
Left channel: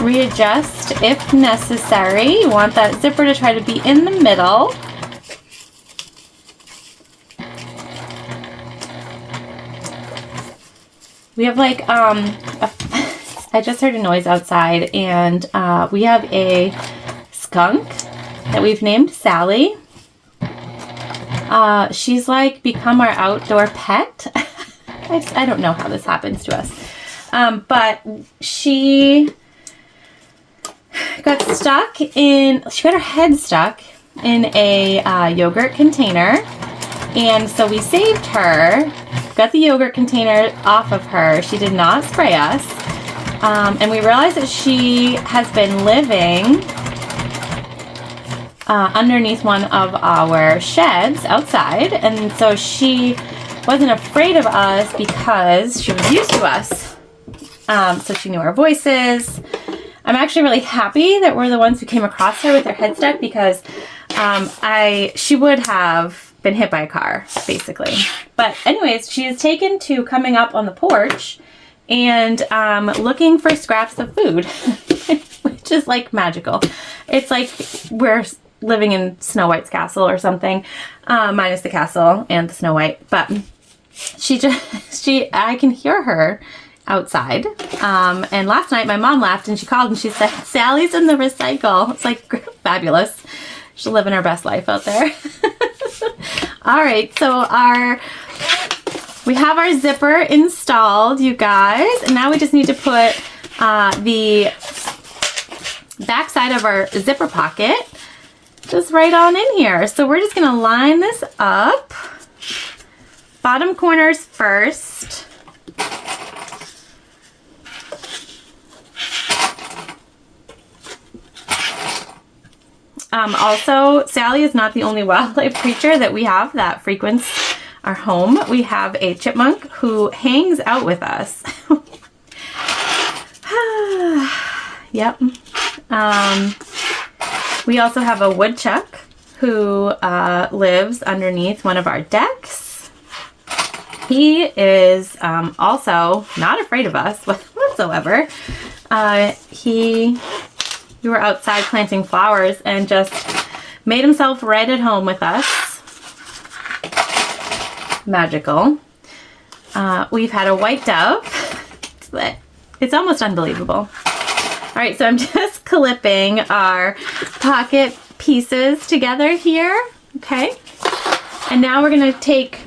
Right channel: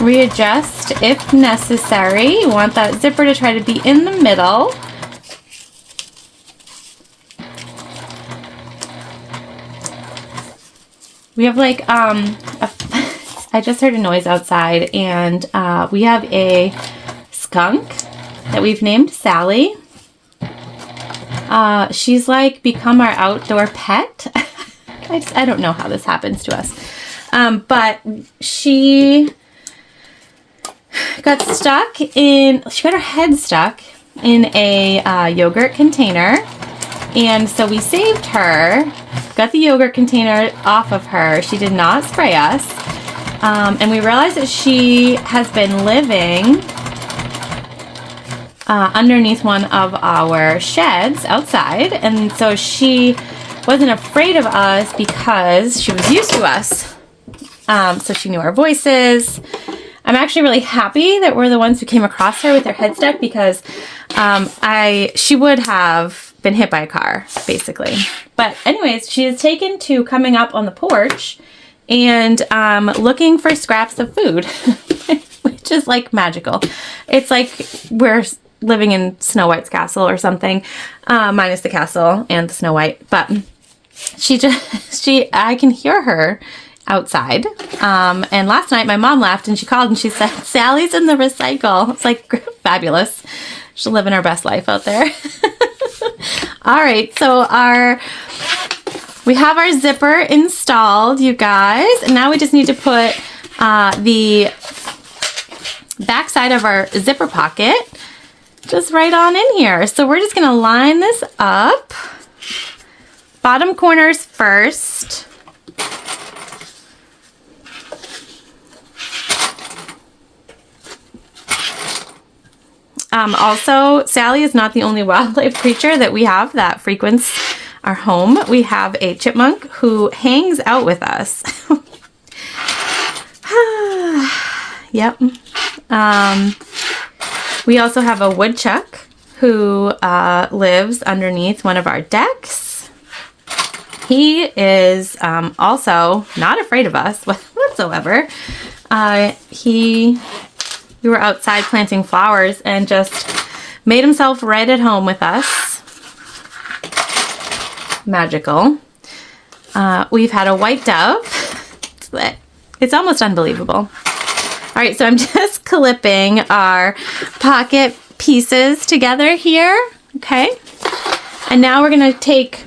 Readjust if necessary. You want that zipper to try to be in the middle. We have like, I just heard a noise outside, and we have a skunk that we've named Sally. She's like become our outdoor pet. I don't know how this happens to us. But she got she got her head stuck in a yogurt container. And so we saved her, got the yogurt container off of her. She did not spray us. And we realized that she has been living underneath one of our sheds outside. And so she wasn't afraid of us because she was used to us. So she knew our voices. I'm actually really happy that we're the ones who came across her with her head stuck, because she would have been hit by a car, basically. But anyways, she is taken to coming up on the porch and looking for scraps of food, which is like magical. It's like we're living in Snow White's castle or something, minus the castle and the Snow White. But I can hear her outside. And last night my mom laughed and she called and she said, "Sally's in the recycle." It's like fabulous. She's living her best life out there. All right, so we have our zipper installed, you guys, and now we just need to put the back side of our zipper pocket just right on in here. So we're just gonna line this up, bottom corners first. Also, Sally is not the only wildlife creature that we have that frequents our home. We have a chipmunk who hangs out with us. Yep. We also have a woodchuck who lives underneath one of our decks. He is also not afraid of us whatsoever. We were outside planting flowers and just made himself right at home with us. Magical. We've had a white dove. It's almost unbelievable. All right, so I'm just clipping our pocket pieces together here. Okay. And now we're gonna take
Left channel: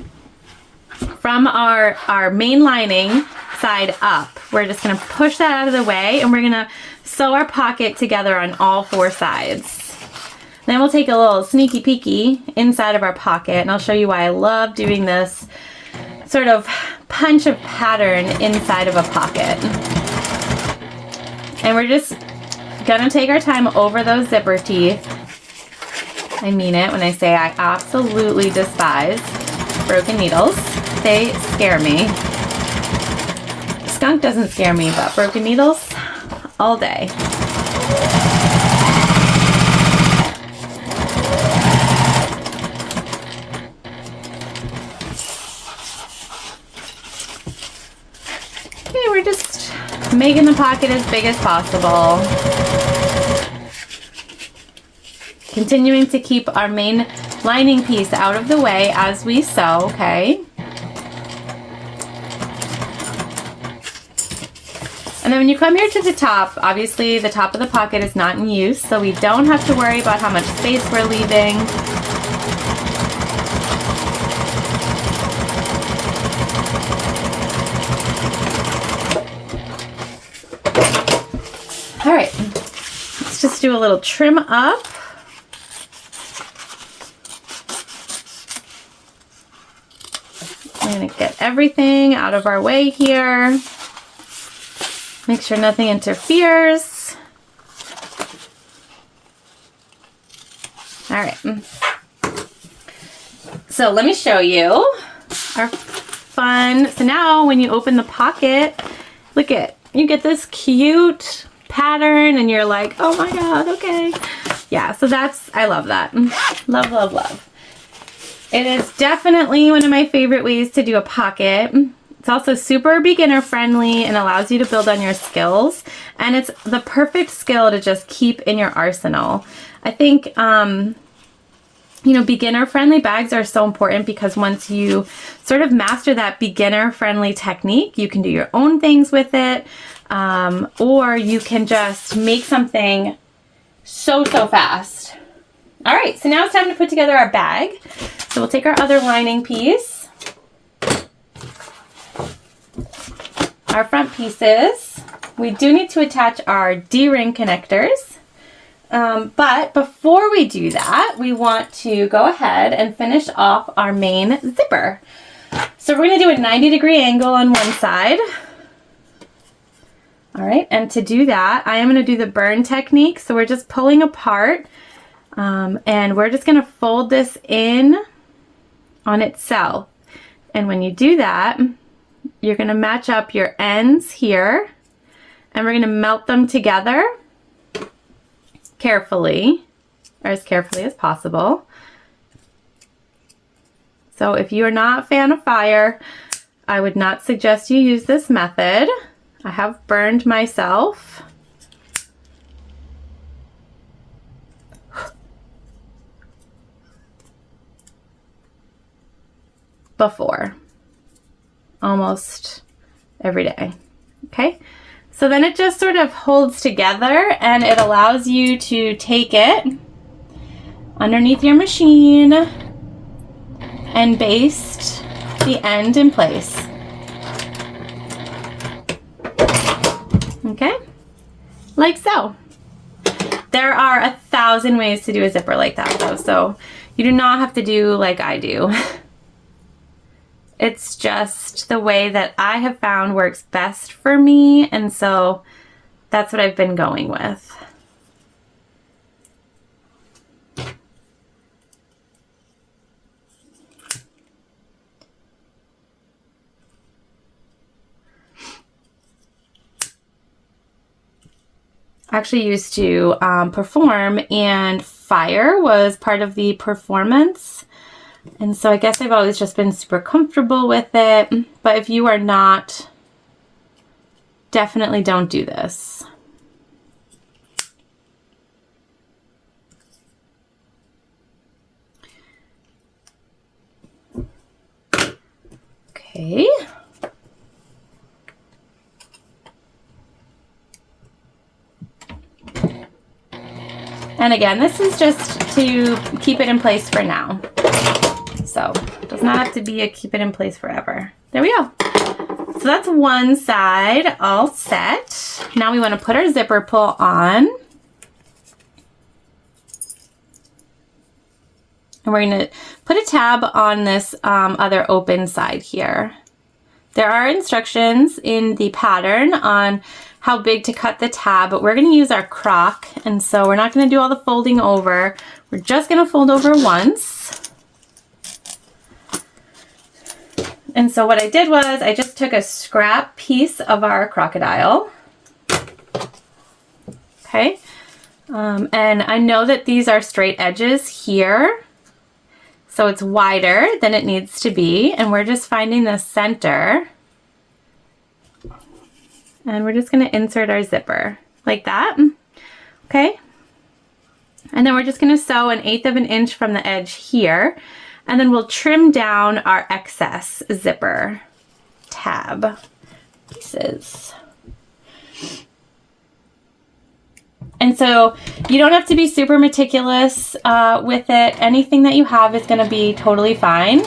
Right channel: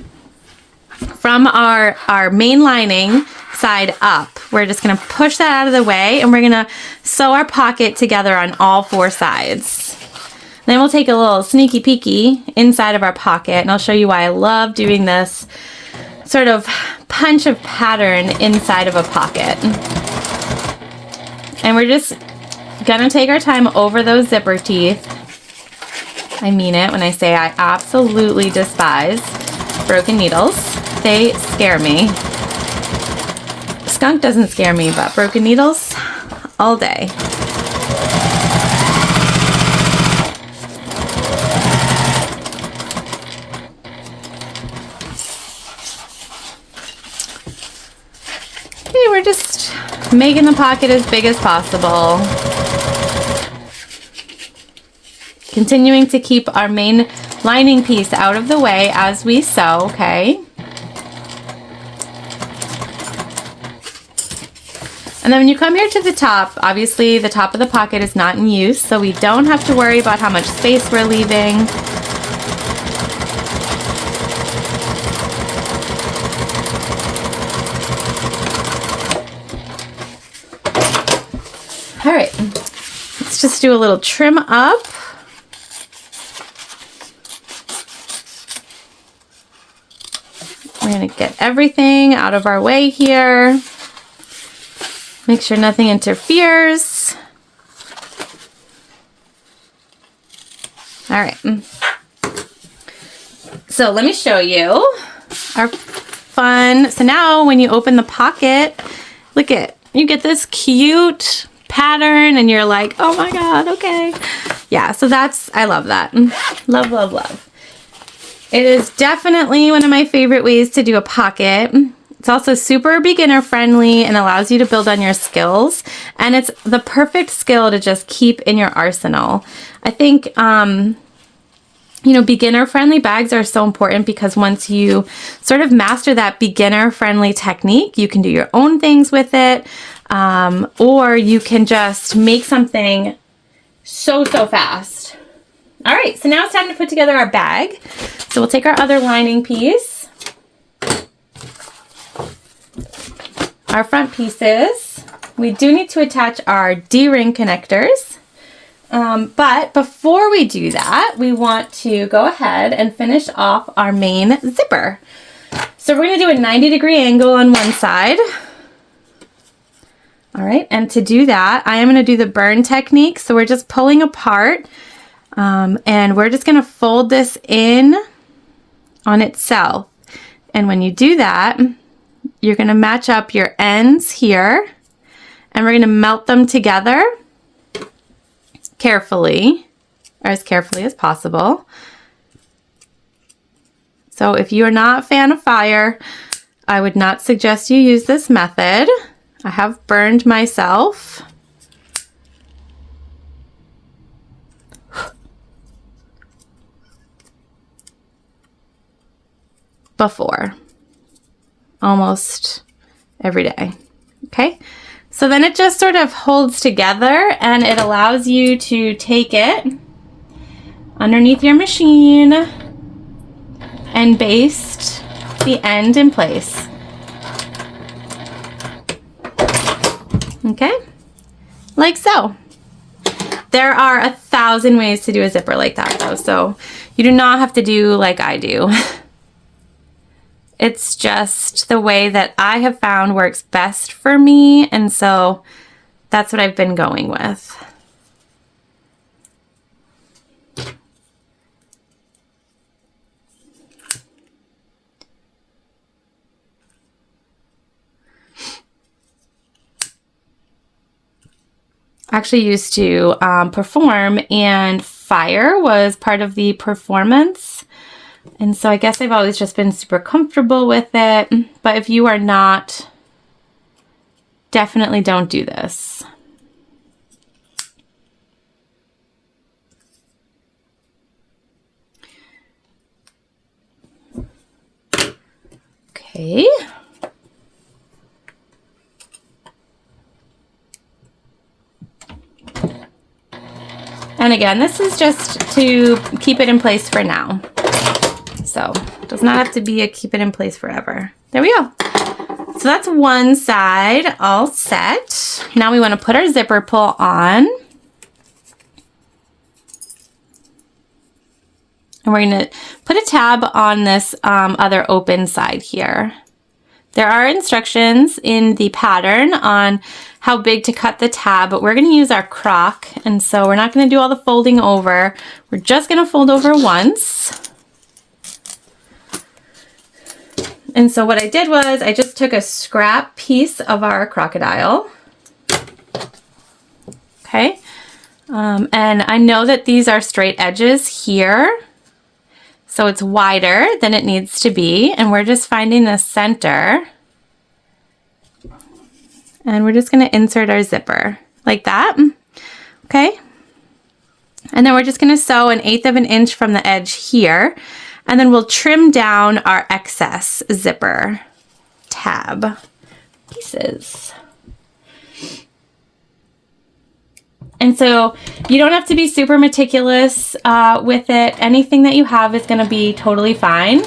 from our main lining side up. We're just gonna push that out of the way, and we're gonna sew our pocket together on all 4 sides. Then we'll take a little sneaky peeky inside of our pocket, and I'll show you why I love doing this sort of punch of pattern inside of a pocket. And we're just gonna take our time over those zipper teeth. I mean it when I say I absolutely despise broken needles. They scare me. Skunk doesn't scare me, but broken needles, all day. Okay, we're just making the pocket as big as possible. Continuing to keep our main lining piece out of the way as we sew, okay? And then when you come here to the top, obviously the top of the pocket is not in use, so we don't have to worry about how much space we're leaving. All right, let's just do a little trim up. We're gonna get everything out of our way here. Make sure nothing interferes. All right. So let me show you our fun. So now when you open the pocket, look at, you get this cute pattern and you're like, oh my God, okay. Yeah, so that's, I love that. Love, love, love. It is definitely one of my favorite ways to do a pocket. It's also super beginner friendly and allows you to build on your skills. And it's the perfect skill to just keep in your arsenal. I think, you know, beginner friendly bags are so important because once you sort of master that beginner friendly technique, you can do your own things with it. Or you can just make something so fast. All right, so now it's time to put together our bag. So we'll take our other lining piece, our front pieces. We do need to attach our D-ring connectors. But before we do that, we want to go ahead and finish off our main zipper. So we're gonna do a 90-degree angle on one side. All right, and to do that, I am gonna do the burn technique. So we're just pulling apart and we're just gonna fold this in on itself. And when you do that, you're gonna match up your ends here and we're gonna melt them together carefully, or as carefully as possible. So if you're not a fan of fire, I would not suggest you use this method. I have burned myself. Before, almost every day. Okay, so then it just sort of holds together and it allows you to take it underneath your machine and baste the end in place. Okay, like so. There are 1,000 ways to do a zipper like that though, so you do not have to do like I do. It's just the way that I have found works best for me, and so that's what I've been going with. I actually used to perform, and fire was part of the performance. And so I guess I've always just been super comfortable with it. But if you are not, definitely don't do this. Okay. And again, this is just to keep it in place for now. So it does not have to be a keep it in place forever. There we go. So that's one side all set. Now we want to put our zipper pull on. And we're going to put a tab on this other open side here. There are instructions in the pattern on how big to cut the tab, but we're going to use our crock, and so we're not going to do all the folding over. We're just going to fold over once. And so what I did was I just took a scrap piece of our crocodile. Okay. And I know that these are straight edges here. So it's wider than it needs to be, and we're just finding the center. And we're just going to insert our zipper like that. Okay. And then we're just going to sew 1/8 of an inch from the edge here, and then we'll trim down our excess zipper tab pieces. And so you don't have to be super meticulous with it. Anything that you have is going to be totally fine.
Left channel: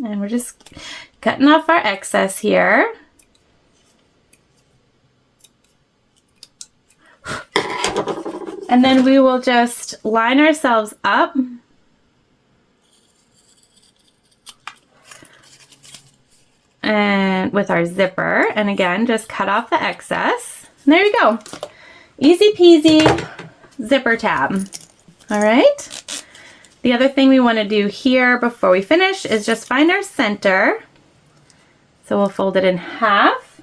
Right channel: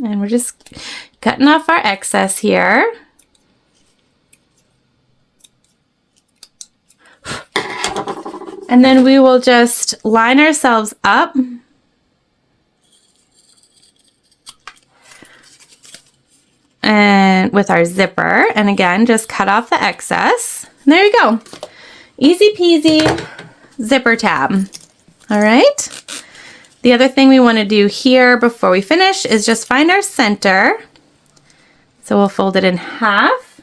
And we're just cutting off our excess here. And then we will just line ourselves up. And with our zipper, and again, just cut off the excess. And there you go. Easy peasy zipper tab. All right. The other thing we want to do here before we finish is just find our center. So we'll fold it in half.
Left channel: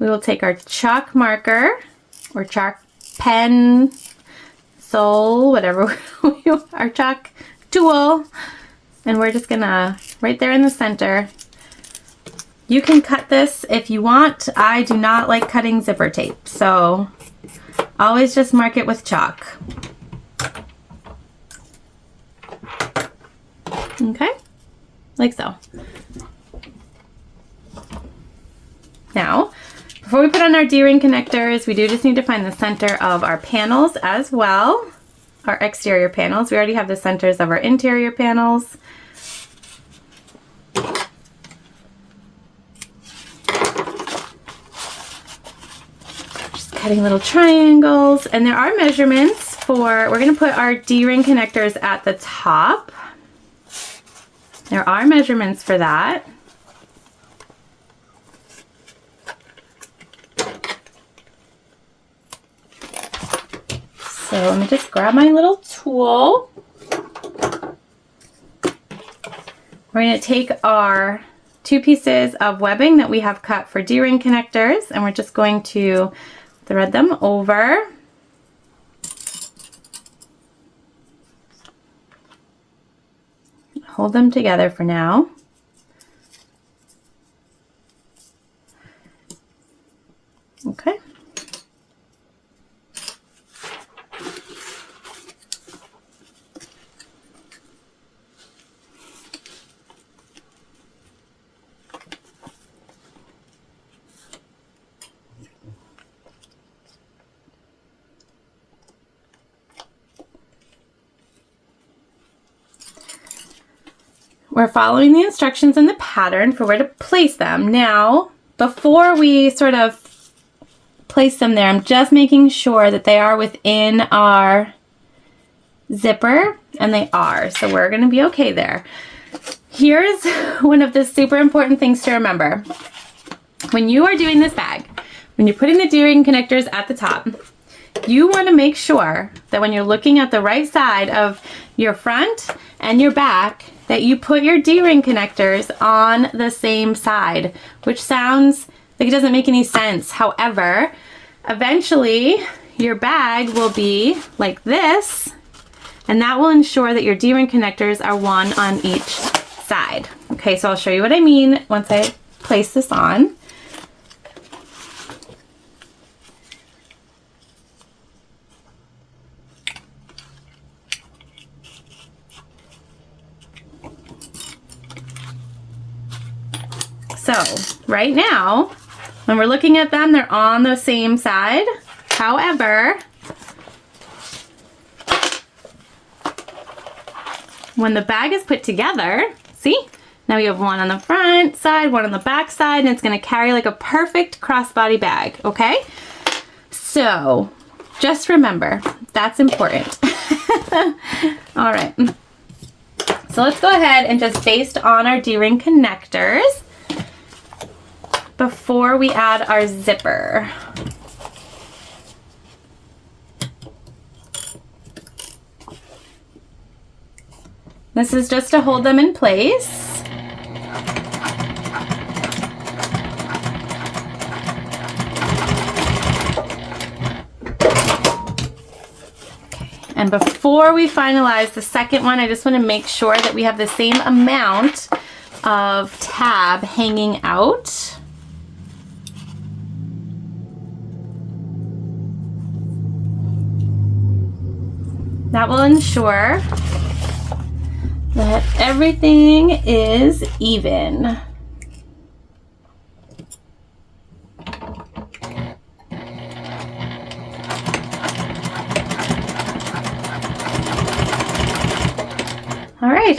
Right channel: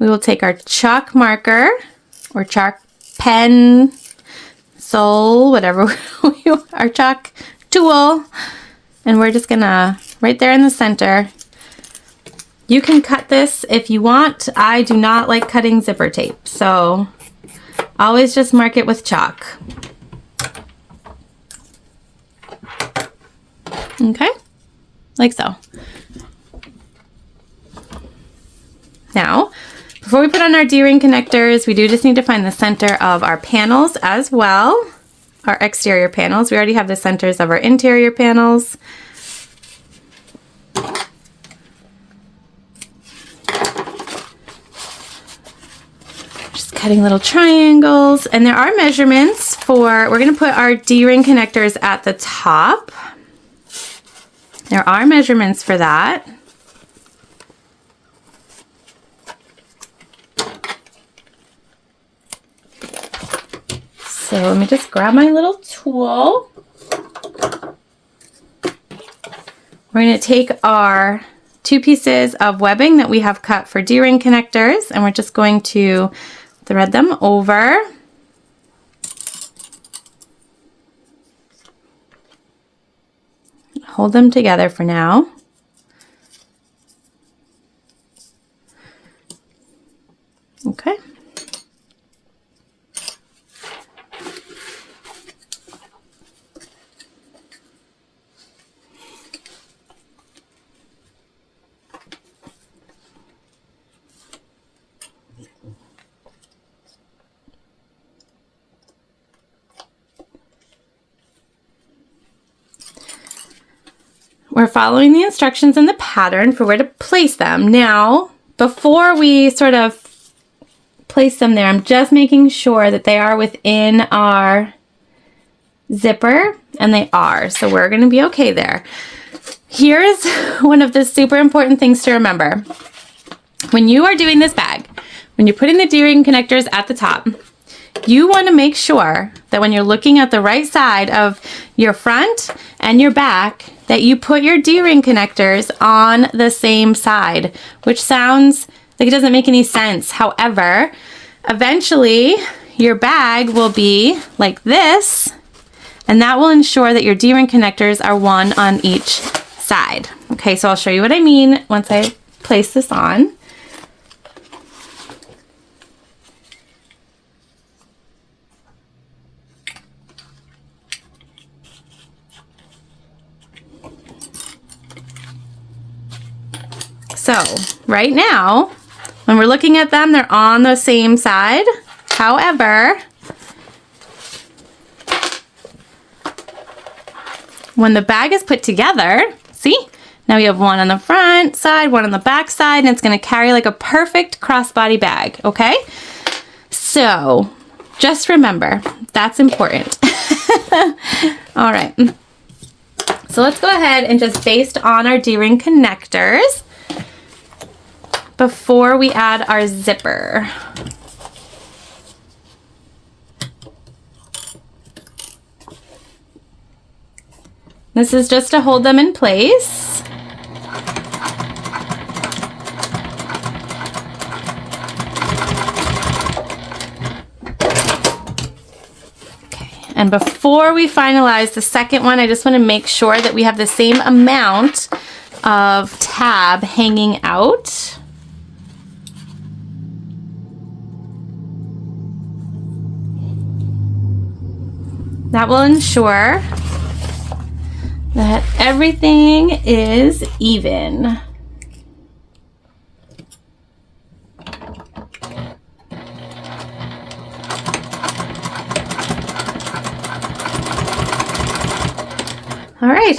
We will take our chalk marker or chalk pen, sole, whatever, our chalk tool, and we're just gonna, right there in the center. You can cut this if you want. I do not like cutting zipper tape, so always just mark it with chalk. Okay, like so. Now, before we put on our D-ring connectors, we do just need to find the center of our panels as well, our exterior panels. We already have the centers of our interior panels. Just cutting little triangles, and there are measurements for, we're going to put our D-ring connectors at the top. There are measurements for that. So let me just grab my little tool. We're going to take our 2 pieces of webbing that we have cut for D-ring connectors, and we're just going to thread them over. Hold them together for now. Okay. We're following the instructions in the pattern for where to place them. Now, before we sort of place them there, I'm just making sure that they are within our zipper, and they are. So we're going to be okay there. Here's one of the super important things to remember. When you are doing this bag, when you're putting the D-ring connectors at the top, you want to make sure that when you're looking at the right side of your front and your back, that you put your D-ring connectors on the same side, which sounds like it doesn't make any sense. However, eventually your bag will be like this, and that will ensure that your D-ring connectors are one on each side. Okay, so I'll show you what I mean once I place this on. So right now, when we're looking at them, they're on the same side. However, when the bag is put together, see? Now we have one on the front side, one on the back side, and it's gonna carry like a perfect crossbody bag, okay? So just remember, that's important. All right. So let's go ahead and just baste on our D-ring connectors before we add our zipper. This is just to hold them in place. Okay, and before we finalize the second one, I just want to make sure that we have the same amount of tab hanging out. That will ensure that everything is even. All right,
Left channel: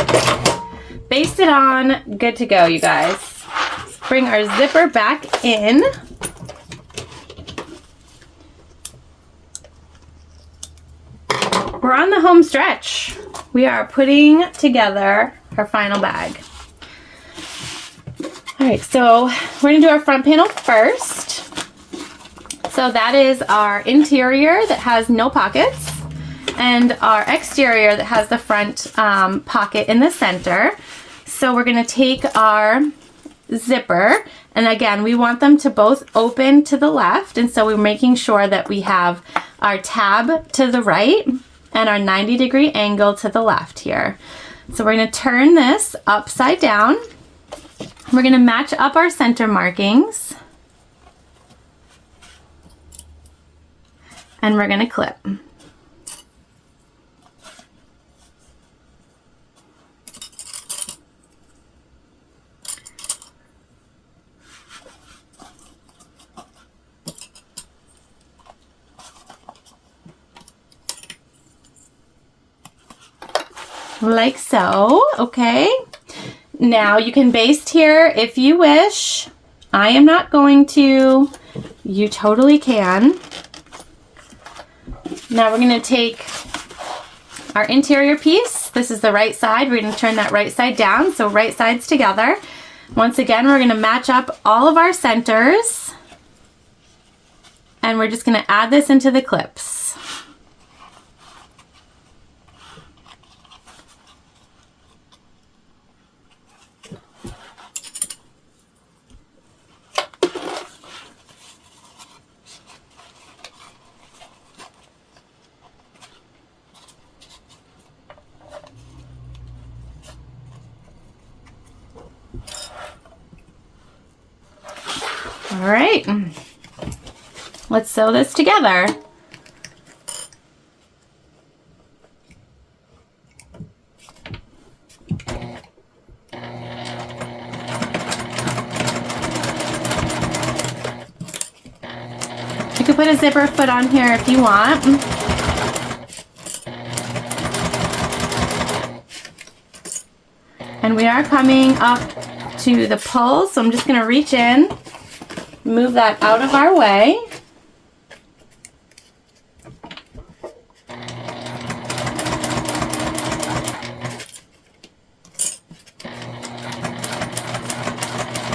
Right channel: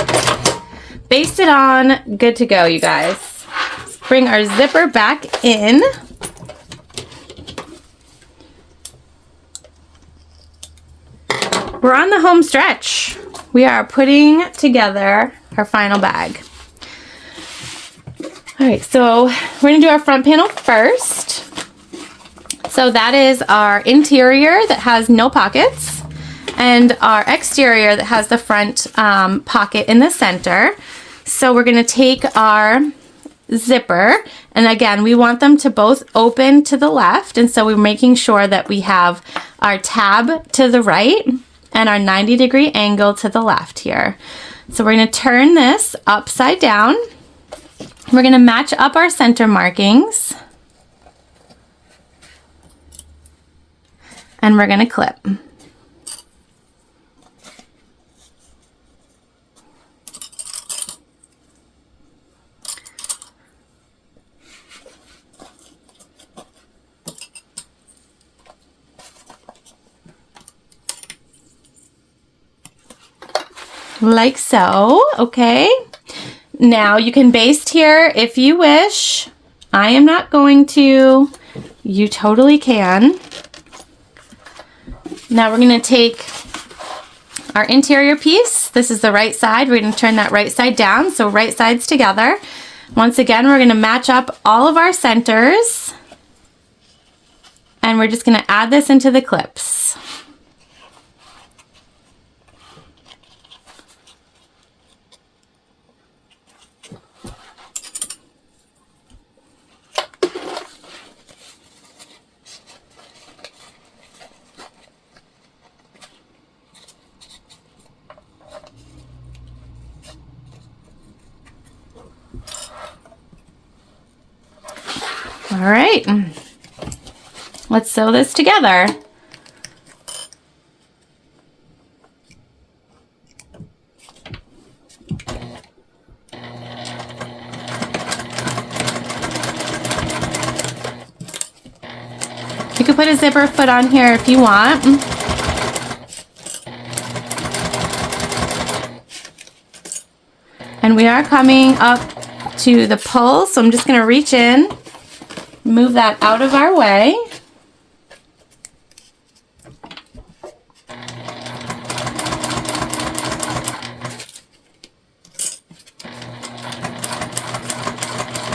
baste it on, good to go, you guys. Let's bring our zipper back in. We're on the home stretch. We are putting together our final bag. All right, so we're gonna do our front panel first. So that is our interior that has no pockets, and our exterior that has the front pocket in the center. So we're gonna take our zipper, and again, we want them to both open to the left, and so we're making sure that we have our tab to the right and our 90-degree angle to the left here. So we're going to turn this upside down. We're going to match up our center markings. And we're going to clip. Like so, okay? Now you can baste here if you wish. I am not going to. You totally can. Now we're going to take our interior piece. This is the right side. We're going to turn that right side down, so right sides together. Once again, we're going to match up all of our centers. And we're just going to add this into the clips. All right, let's sew this together. You can put a zipper foot on here if you want. And we are coming up to the pull, so I'm just going to reach in. Move that out of our way.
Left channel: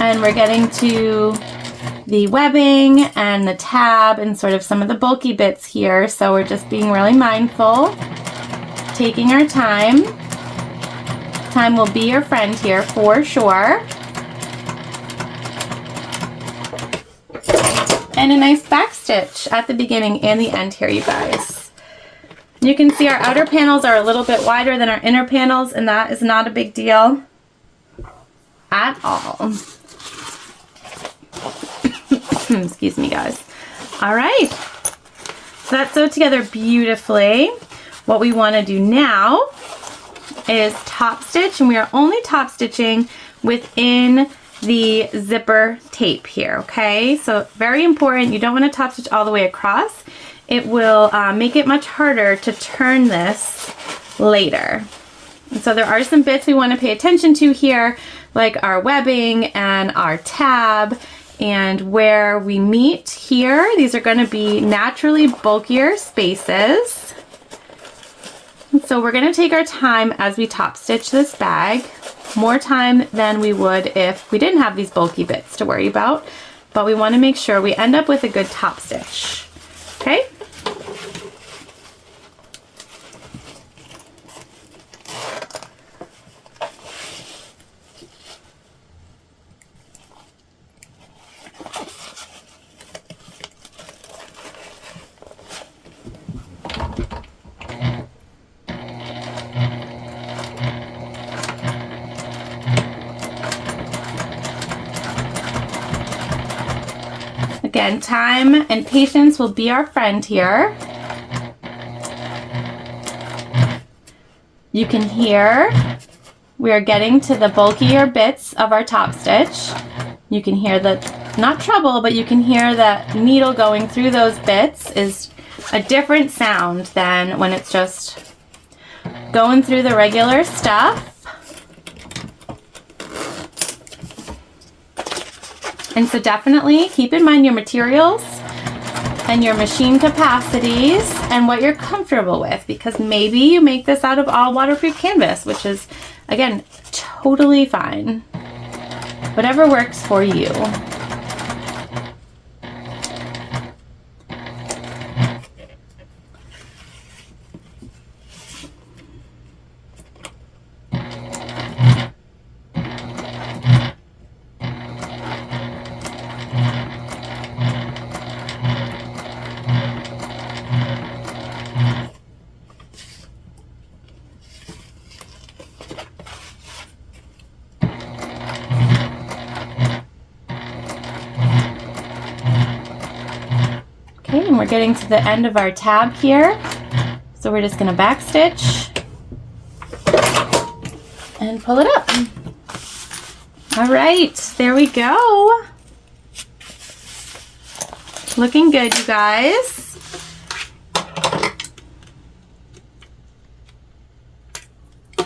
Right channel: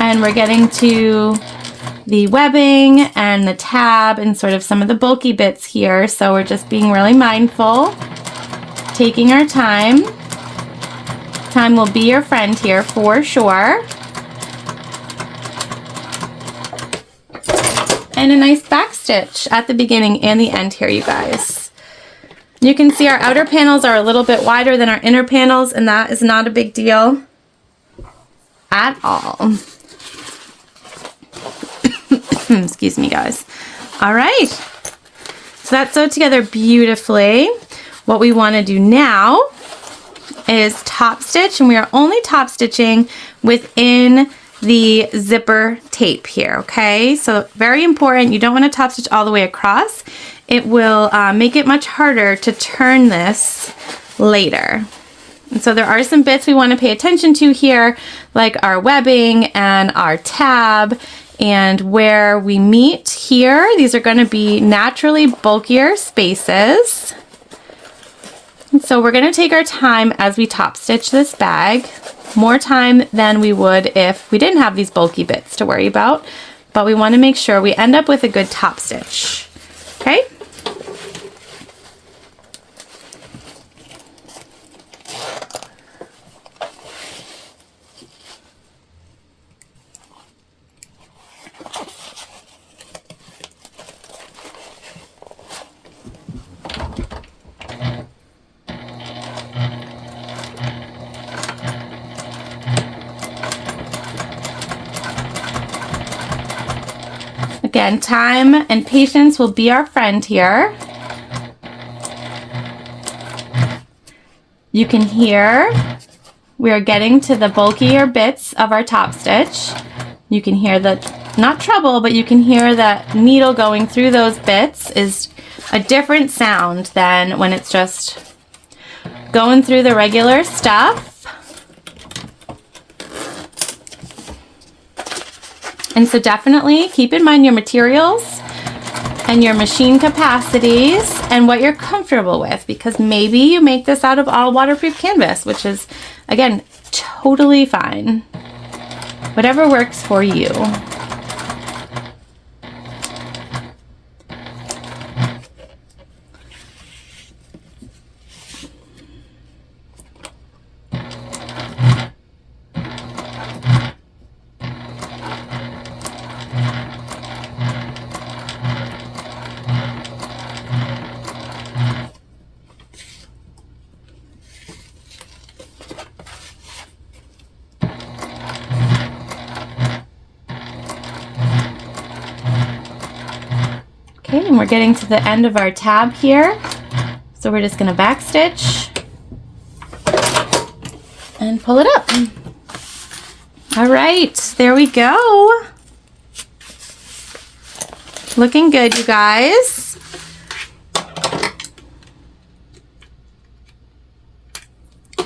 And we're getting to the webbing and the tab and sort of some of the bulky bits here. So we're just being really mindful, taking our time. Time will be your friend here for sure. And a nice back stitch at the beginning and the end here, you guys. You can see our outer panels are a little bit wider than our inner panels, and that is not a big deal at all. Excuse me, guys. All right. So that's sewed together beautifully. What we want to do now is top stitch, and we are only top stitching within the zipper tape here, okay? So very important, you don't want to top stitch all the way across. It will make it much harder to turn this later. And so there are some bits we want to pay attention to here, like our webbing and our tab, and where we meet here. These are going to be naturally bulkier spaces. And so we're going to take our time as we top stitch this bag, more time than we would if we didn't have these bulky bits to worry about, but we want to make sure we end up with a good top stitch, okay? Again, time and patience will be our friend here. You can hear we are getting to the bulkier bits of our top stitch. You can hear the, not treble, but you can hear that needle going through those bits is a different sound than when it's just going through the regular stuff. And so definitely keep in mind your materials and your machine capacities and what you're comfortable with, because maybe you make this out of all waterproof canvas, which is, again, totally fine. Whatever works for you. Okay, and we're getting to the end of our tab here. So we're just going to backstitch and pull it up. All right, there we go. Looking good, you guys.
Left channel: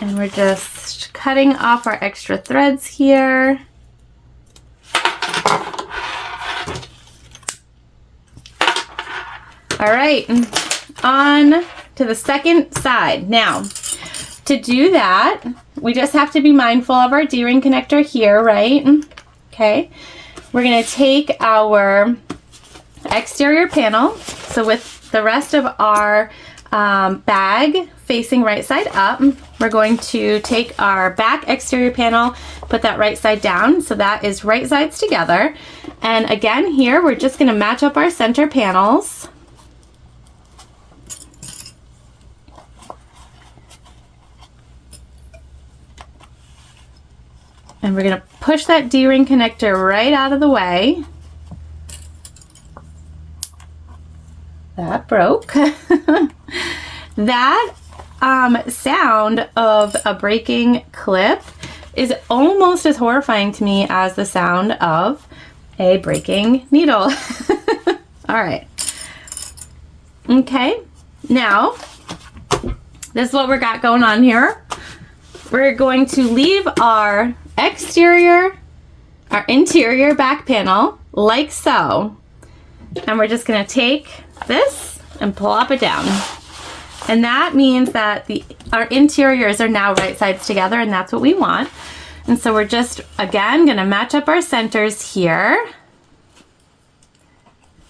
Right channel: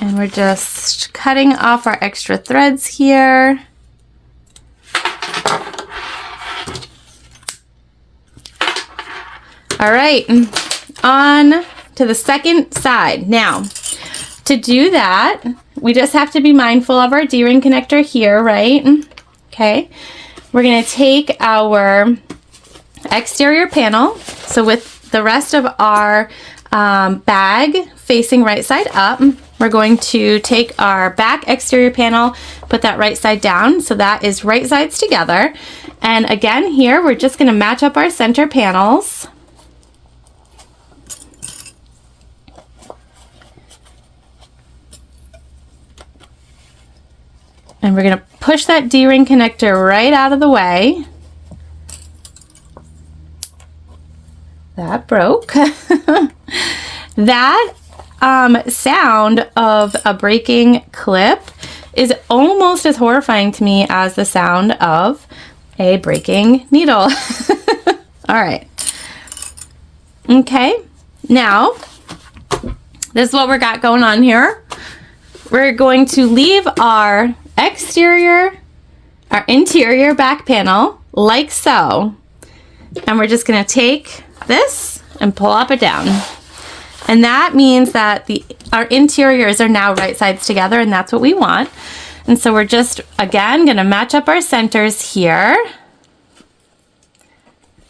And we're just cutting off our extra threads here. All right, on to the second side. Now, to do that, we just have to be mindful of our D-ring connector here, right? Okay, we're gonna take our exterior panel, so with the rest of our bag facing right side up, we're going to take our back exterior panel, put that right side down, so that is right sides together. And again, here, we're just gonna match up our center panels. And we're gonna push that D-ring connector right out of the way. That broke. That sound of a breaking clip is almost as horrifying to me as the sound of a breaking needle. All right. Okay, now this is what we got going on here. We're going to leave our interior back panel like so. And we're just gonna take this and pull up and down. And that means that our interiors are now right sides together, and that's what we want. And so we're just, again, gonna match up our centers here.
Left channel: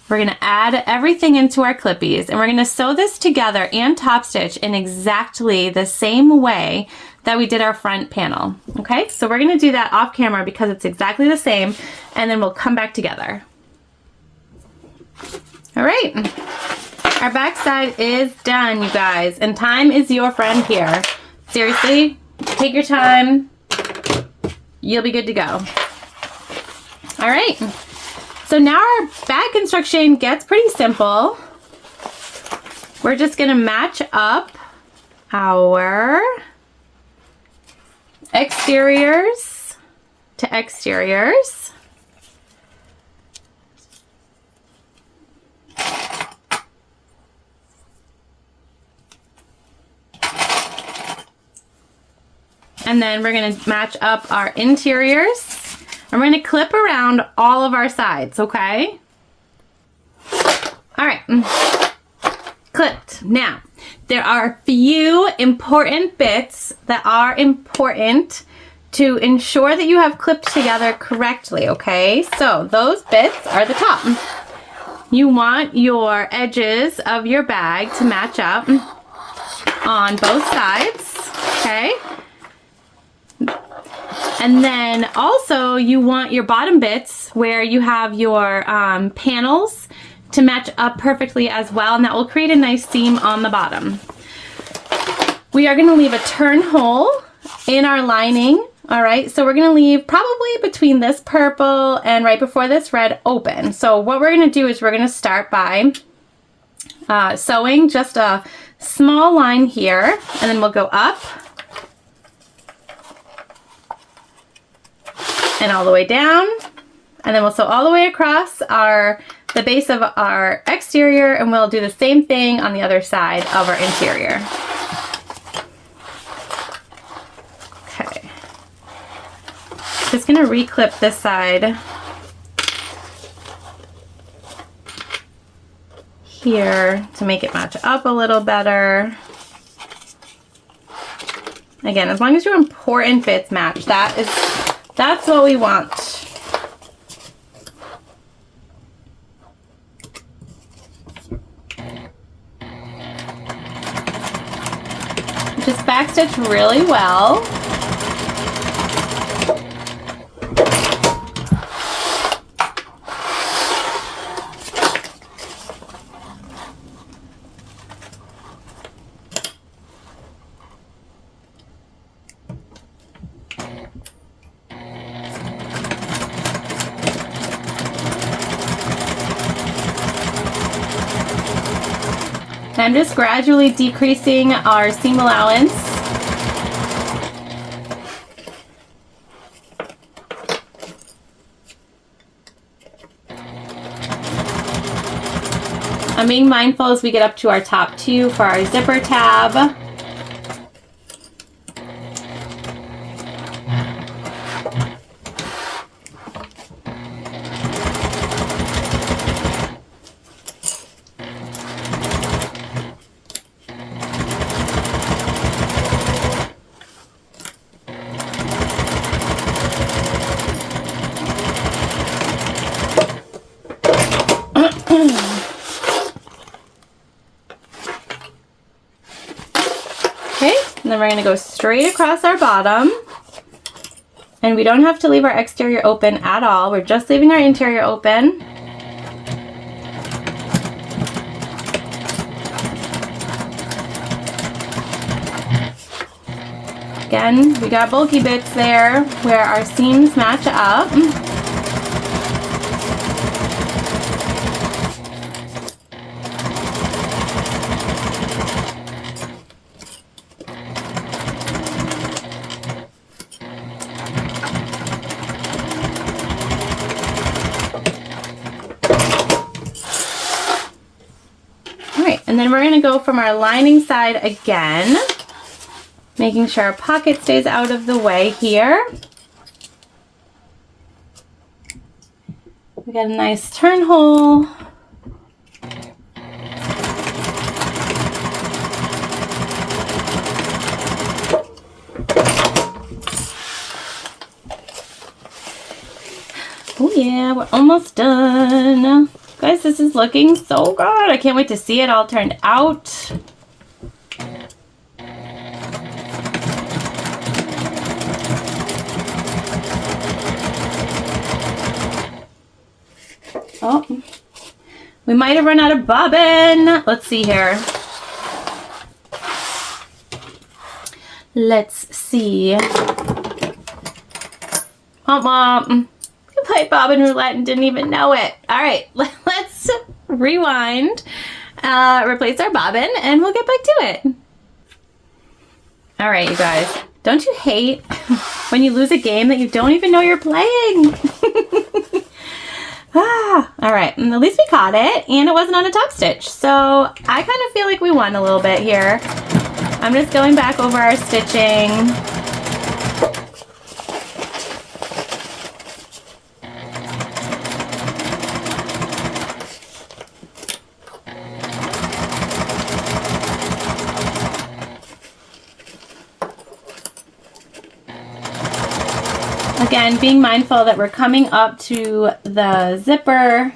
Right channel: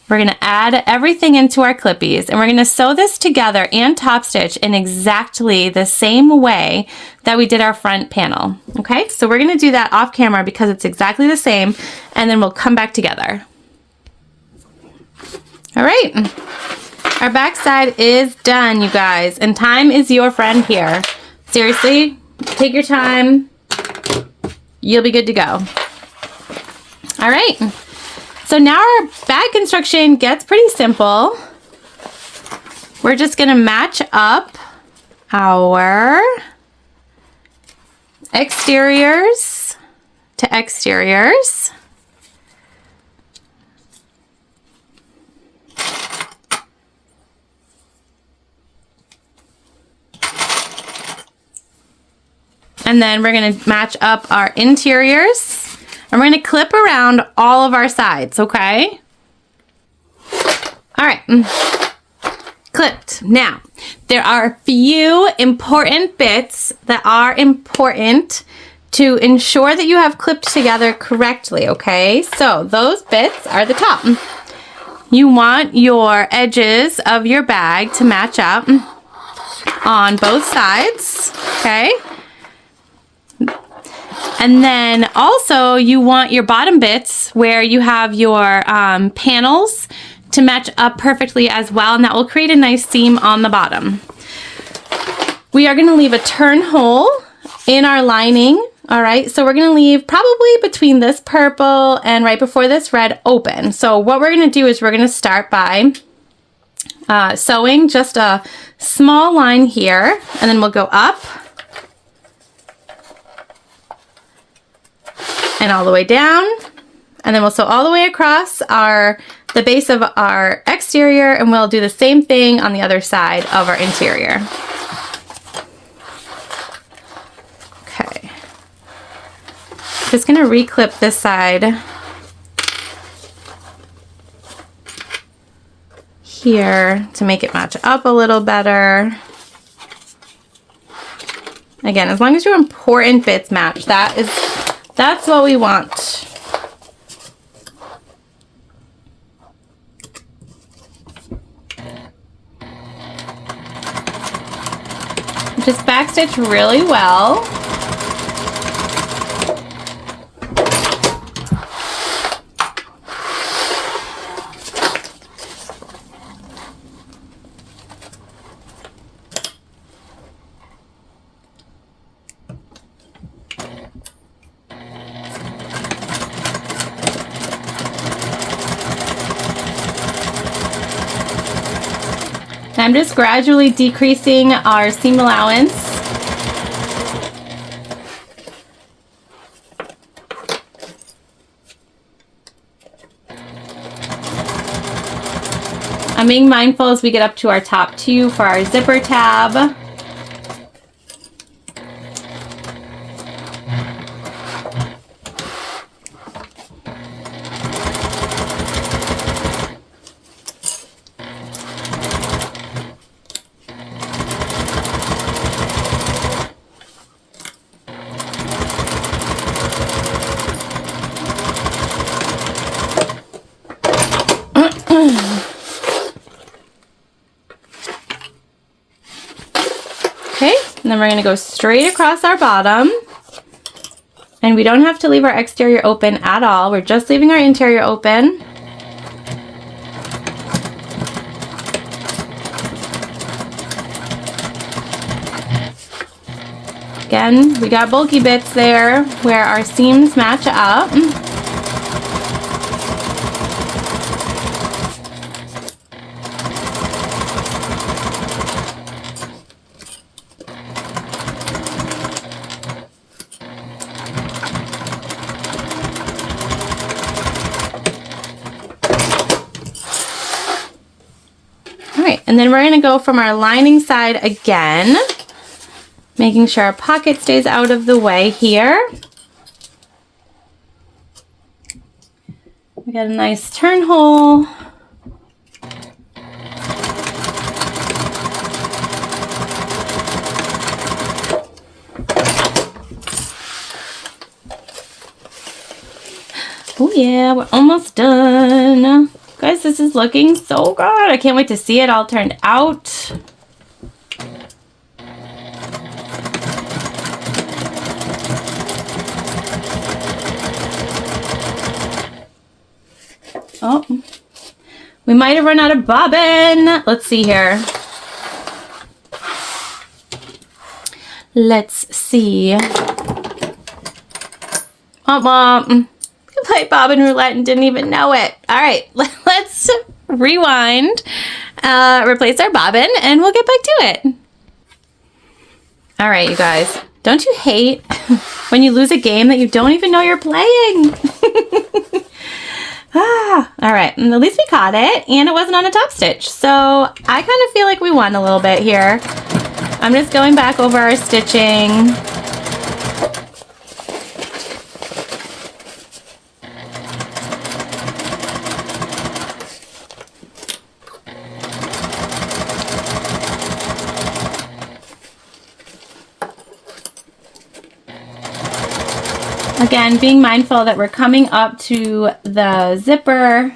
We're gonna add everything into our clippies, and we're gonna sew this together and top stitch in exactly the same way that we did our front panel, okay? So we're gonna do that off camera because it's exactly the same, and then we'll come back together. All right, our back side is done, you guys, and time is your friend here. Seriously, take your time. You'll be good to go. All right, so now our bag construction gets pretty simple. We're just gonna match up our exteriors to exteriors. And then we're going to match up our interiors. And we're going to clip around all of our sides, okay? All right. Clipped. Now, there are a few important bits that are important to ensure that you have clipped together correctly, okay? So those bits are the top. You want your edges of your bag to match up on both sides, okay? And then also you want your bottom bits where you have your panels to match up perfectly as well, and that will create a nice seam on the bottom. We are going to leave a turn hole in our lining. All right, so we're going to leave probably between this purple and right before this red open. So what we're going to do is we're going to start by sewing just a small line here, and then we'll go up and all the way down, and then we'll sew all the way across the base of our exterior, and we'll do the same thing on the other side of our interior. Okay. Just gonna reclip this side here to make it match up a little better. Again, as long as your important bits match, that's what we want. Just backstitch really well. I'm just gradually decreasing our seam allowance. I'm being mindful as we get up to our top two for our zipper tab. Okay, and then we're going to go straight across our bottom. And we don't have to leave our exterior open at all. We're just leaving our interior open. Again, we got bulky bits there where our seams match up. And then we're going to go from our lining side again, making sure our pocket stays out of the way here. We got a nice turn hole. Oh yeah, we're almost done. Guys, this is looking so good. I can't wait to see it all turned out. Oh, we might have run out of bobbin. Let's see here. Let's see. We played bobbin roulette and didn't even know it. All right, let's rewind, replace our bobbin, and we'll get back to it. All right, you guys. Don't you hate when you lose a game that you don't even know you're playing? All right, and at least we caught it, and it wasn't on a top stitch. So I kind of feel like we won a little bit here. I'm just going back over our stitching. Again, being mindful that we're coming up to the zipper.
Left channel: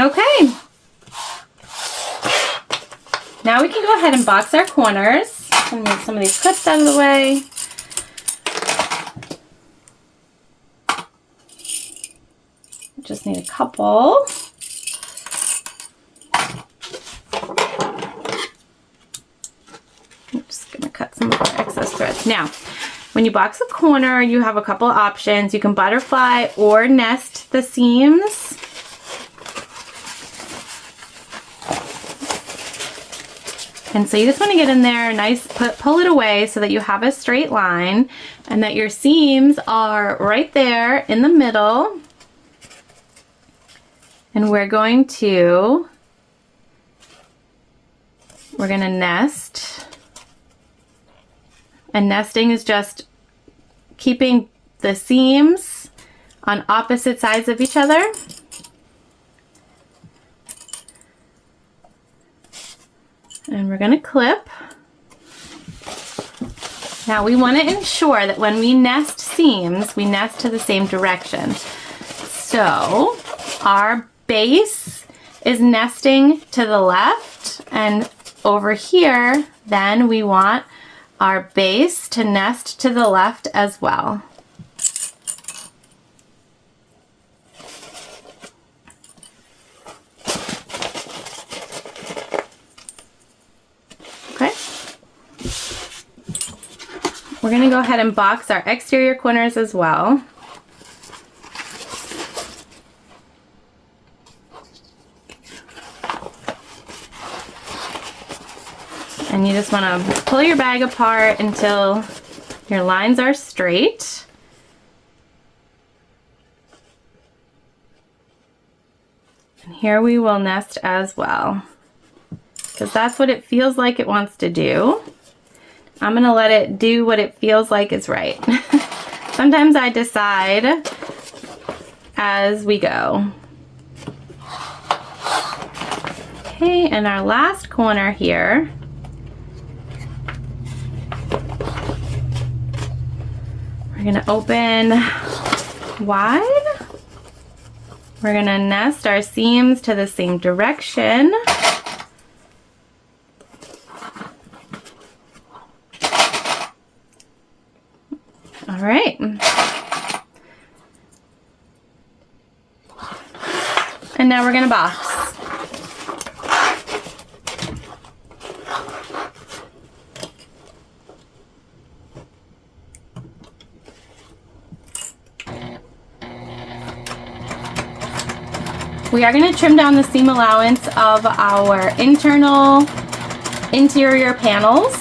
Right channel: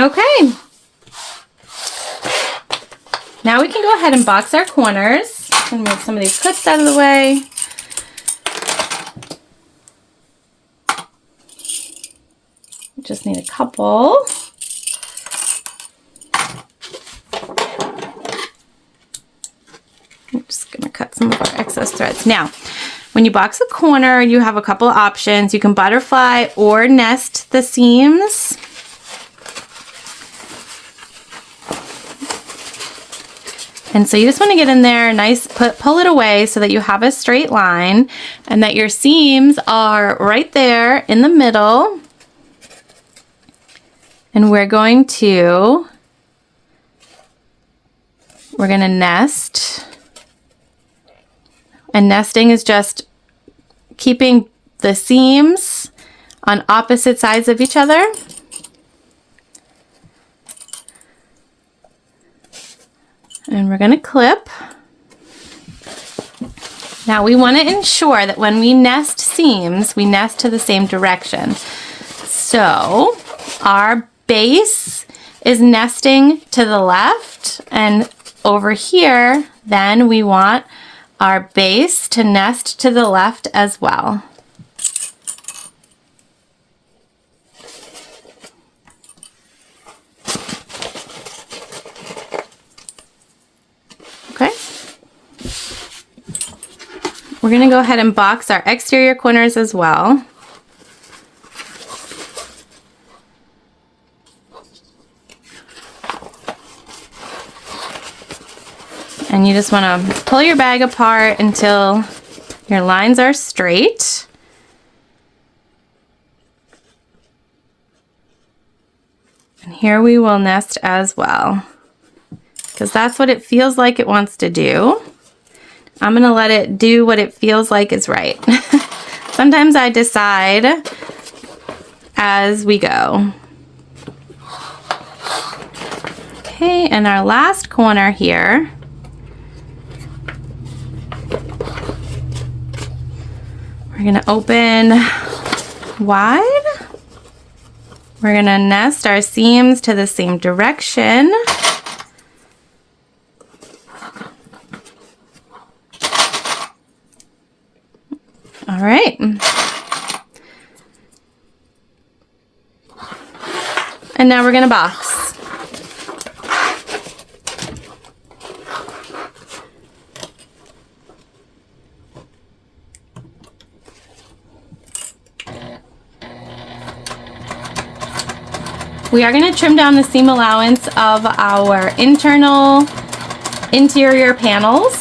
Okay, now we can go ahead and box our corners. I'm gonna move some of these clips out of the way. Just need a couple. I'm just gonna cut some of our excess threads. Now, when you box a corner, you have a couple options. You can butterfly or nest the seams. And so you just want to get in there, pull it away so that you have a straight line and that your seams are right there in the middle. And we're going to nest. And nesting is just keeping the seams on opposite sides of each other. And we're going to clip. Now we want to ensure that when we nest seams, we nest to the same direction. So our base is nesting to the left, and over here, then we want our base to nest to the left as well. Okay. We're going to go ahead and box our exterior corners as well. And you just want to pull your bag apart until your lines are straight. And here we will nest as well, because that's what it feels like it wants to do. I'm going to let it do what it feels like is right. Sometimes I decide as we go. Okay, and our last corner here. We're going to open wide. We're going to nest our seams to the same direction. All right. And now we're going to box. We are going to trim down the seam allowance of our interior panels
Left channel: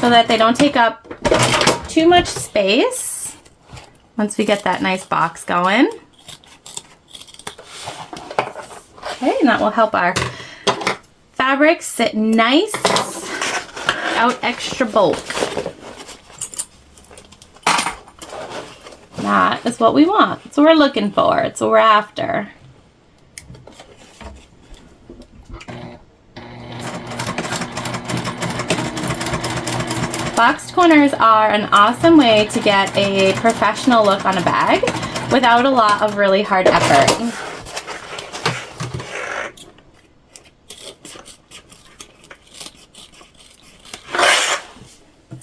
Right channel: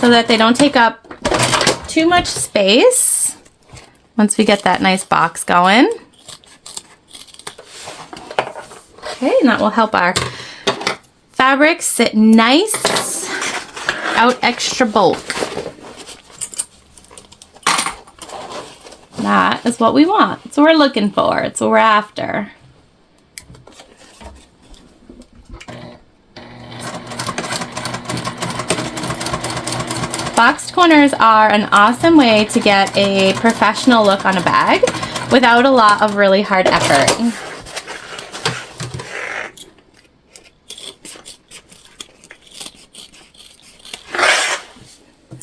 so that they don't take up too much space once we get that nice box going. Okay, and that will help our fabric sit nice out extra bulk. That is what we want. It's what we're looking for. It's what we're after. Boxed corners are an awesome way to get a professional look on a bag without a lot of really hard effort.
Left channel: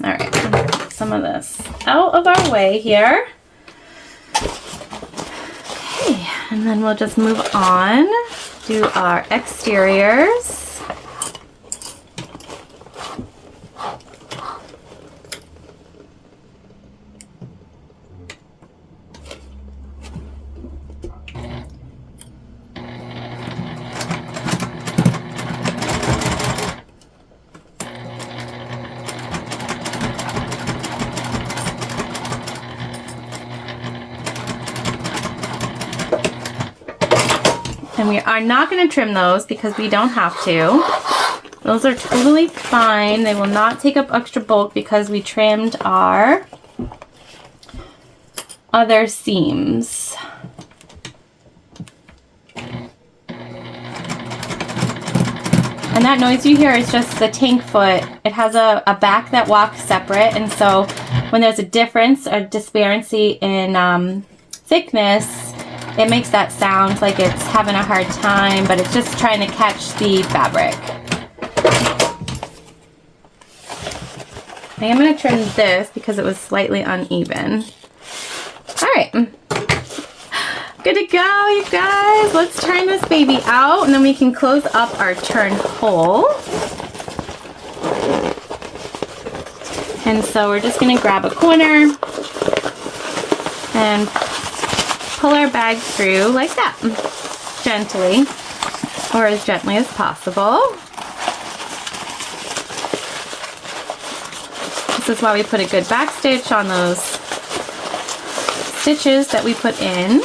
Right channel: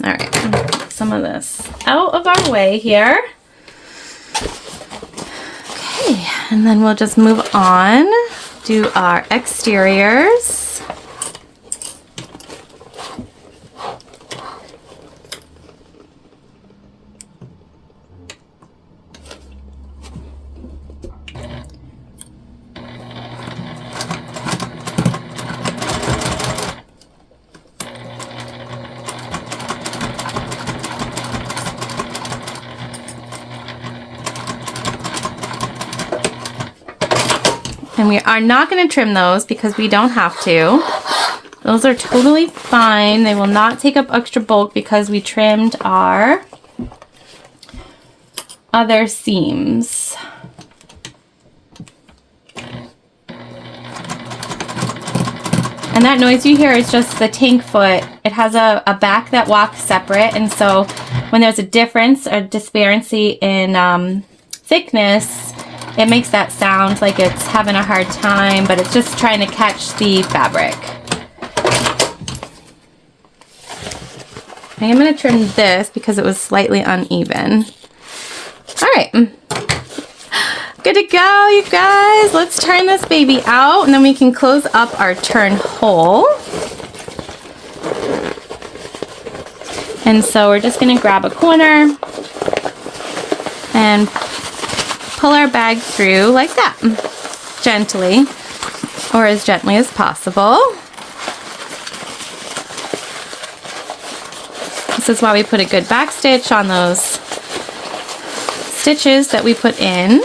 All right, some some of this out of our way here. Okay, and then we'll just move on, do our exteriors. And we are not going to trim those because we don't have to. Those are totally fine. They will not take up extra bulk because we trimmed our other seams. And that noise you hear is just the tank foot. It has a back that walks separate, and so when there's a difference or disparity in thickness, it makes that sound like it's having a hard time, but it's just trying to catch the fabric. I am going to trim this because it was slightly uneven. All right. Good to go, you guys. Let's turn this baby out, and then we can close up our turn hole. And so we're just going to grab a corner and pull our bag through like that, gently, or as gently as possible. This is why we put a good back stitch on those stitches that we put in.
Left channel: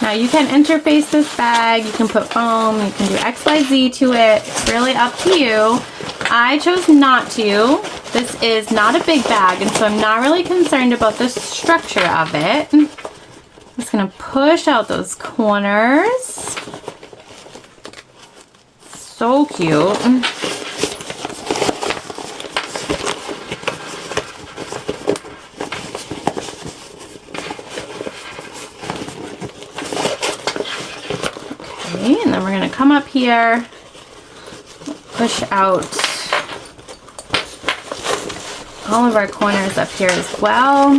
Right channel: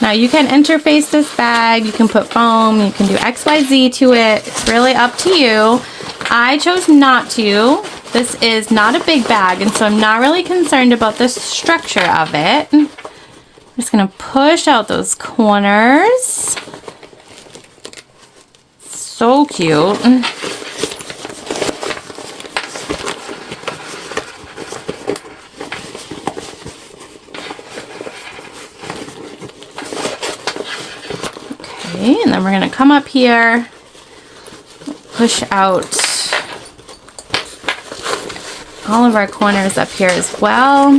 Now you can interface this bag, you can put foam, you can do XYZ to it. It's really up to you. I chose not to. This is not a big bag, and so I'm not really concerned about the structure of it. I'm just going to push out those corners. So cute. Okay, and then we're going to come up here, push out all of our corners up here as well,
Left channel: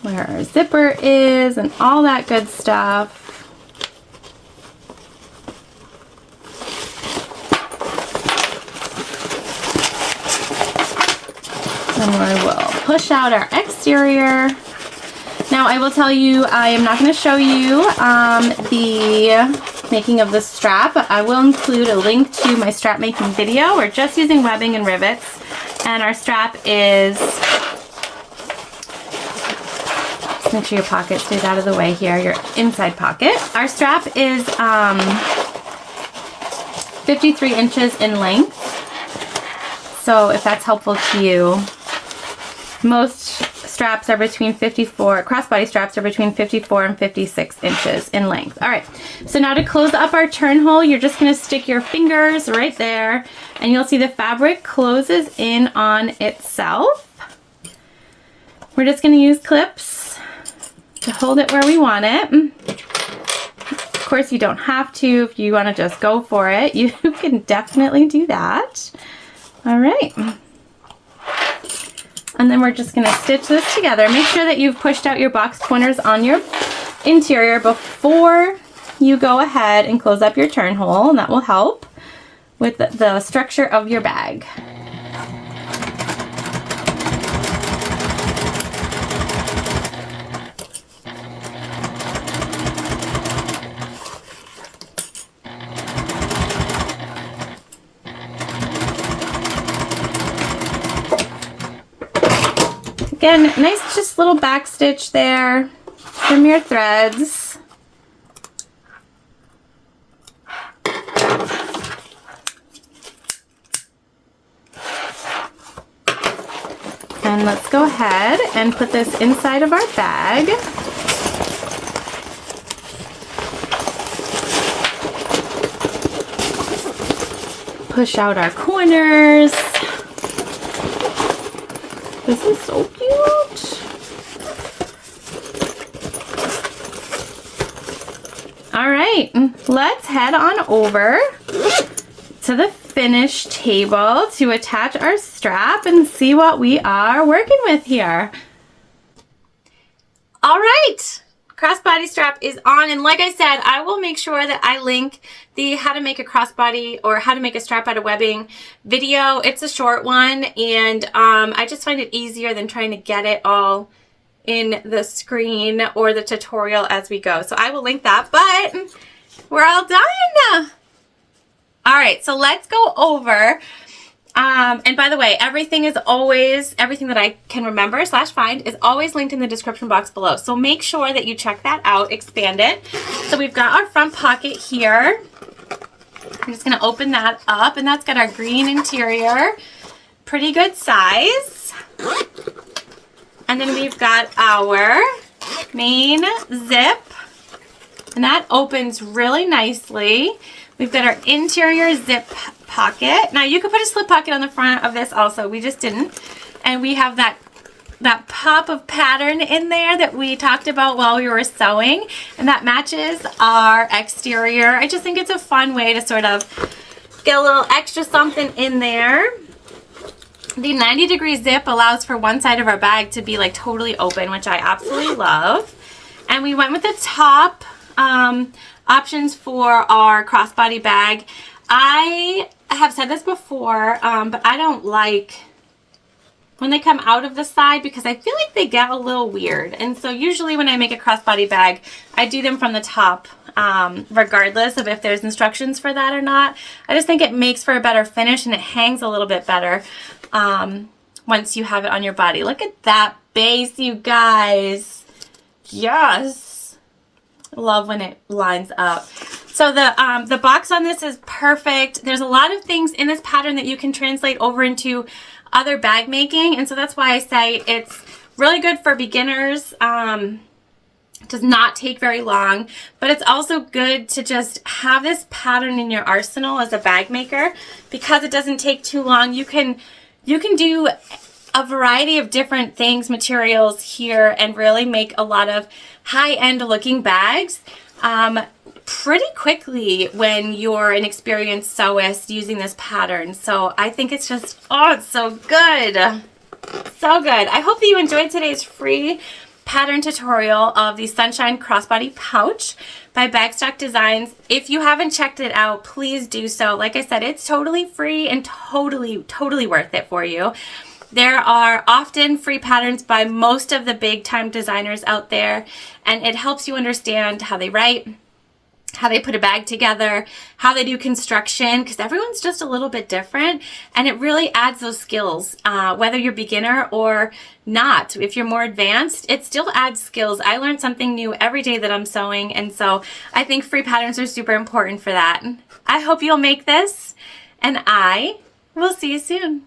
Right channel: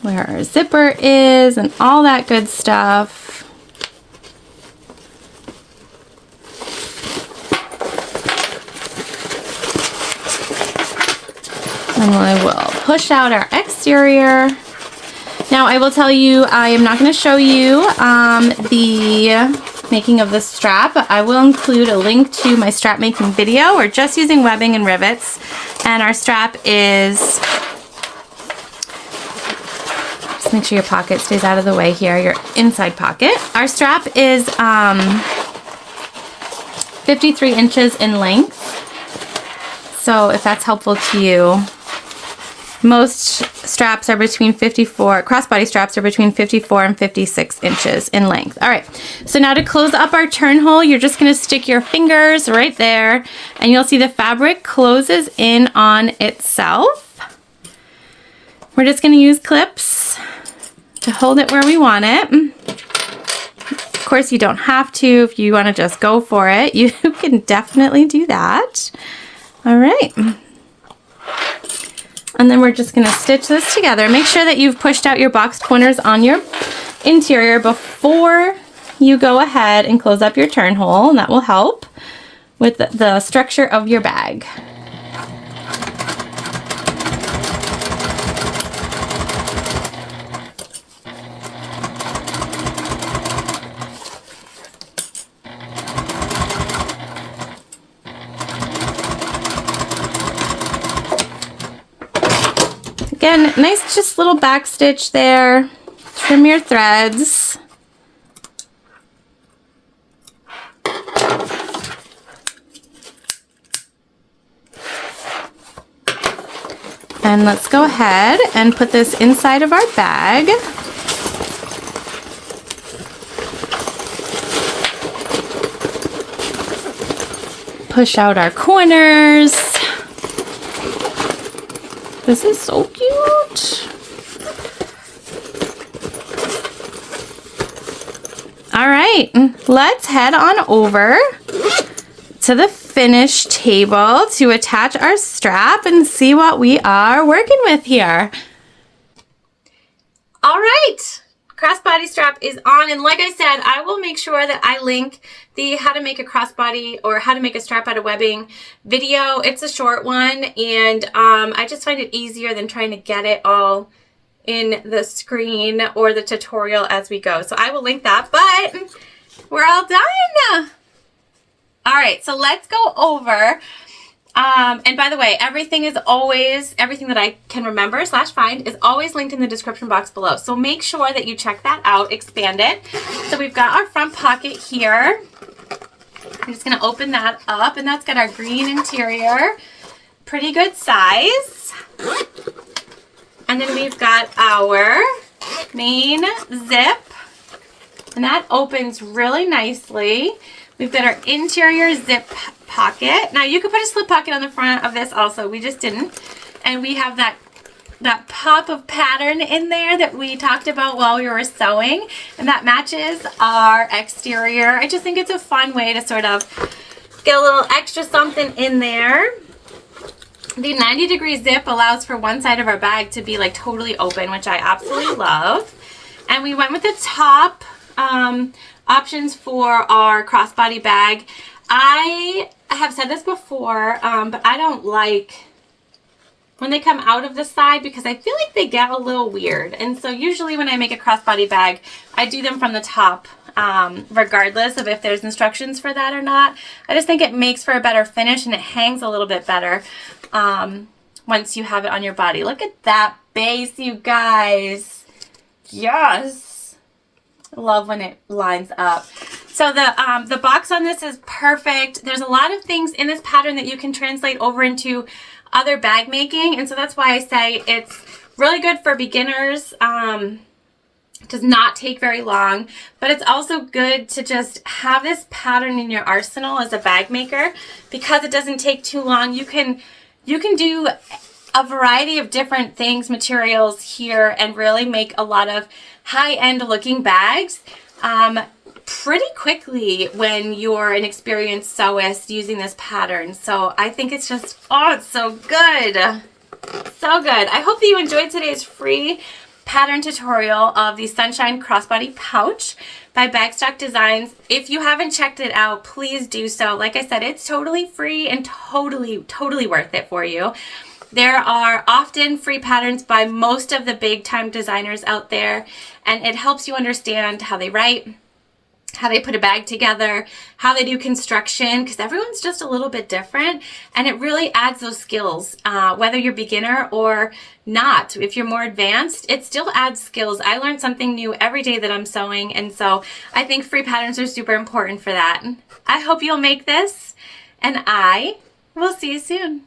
where our zipper is and all that good stuff. And we will push out our exterior. Now I will tell you, I am not going to show you the making of the strap, but I will include a link to my strap making video. We're just using webbing and rivets, and our strap is, just make sure your pocket stays out of the way here, your inside pocket. Our strap is 53 inches in length, so if that's helpful to you. Most straps are between 54, crossbody straps are between 54 and 56 inches in length. All right, so now to close up our turn hole, you're just gonna stick your fingers right there, and you'll see the fabric closes in on itself. We're just gonna use clips to hold it where we want it. Of course, you don't have to. If you wanna just go for it, you can definitely do that. All right. And then we're just going to stitch this together. Make sure that you've pushed out your boxed corners on your interior before you go ahead and close up your turn hole, and that will help with the structure of your bag. Again, nice just little back stitch there. Trim your threads. And let's go ahead and put this inside of our bag. Push out our corners. This is so cute. All right, let's head on over to the finish table to attach our strap and see what we are working with here. All right, crossbody strap is on, and like I said, I will make sure that I link the how to make a crossbody or how to make a strap out of webbing video. It's a short one, and I just find it easier than trying to get it all in the screen or the tutorial as we go. So I will link that, but we're all done. All right, so let's go over. And by the way, everything that I can remember / find is always linked in the description box below. So make sure that you check that out, expand it. So we've got our front pocket here. I'm just gonna open that up, and that's got our green interior. Pretty good size. And then we've got our main zip, and that opens really nicely. We've got our interior zip pocket. Now you could put a slip pocket on the front of this also, we just didn't. And we have that pop of pattern in there that we talked about while we were sewing, and that matches our exterior. I just think it's a fun way to sort of get a little extra something in there. The 90-degree zip allows for one side of our bag to be like totally open, which I absolutely love. And we went with the top options for our crossbody bag. I have said this before, but I don't like when they come out of the side because I feel like they get a little weird. And so usually when I make a crossbody bag, I do them from the top, regardless of if there's instructions for that or not. I just think it makes for a better finish, and it hangs a little bit better once you have it on your body. Look at that base, you guys. Yes. Love when it lines up. So the box on this is perfect. There's a lot of things in this pattern that you can translate over into other bag making, and so that's why I say it's really good for beginners. Does not take very long, but it's also good to just have this pattern in your arsenal as a bag maker because it doesn't take too long. You can do a variety of different things, materials here, and really make a lot of high-end looking bags pretty quickly when you're an experienced sewist using this pattern. So I think it's just, oh, it's so good. So good. I hope that you enjoyed today's free pattern tutorial of the Sunshine Crossbody Pouch by Bagstock Designs. If you haven't checked it out, please do so. Like I said, it's totally free and totally worth it for you. There are often free patterns by most of the big time designers out there, and it helps you understand how they write, how they put a bag together, how they do construction, because everyone's just a little bit different, and it really adds those skills, whether you're beginner or not. If you're more advanced, it still adds skills. I learn something new every day that I'm sewing, and so I think free patterns are super important for that. I hope you'll make this, and I will see you soon.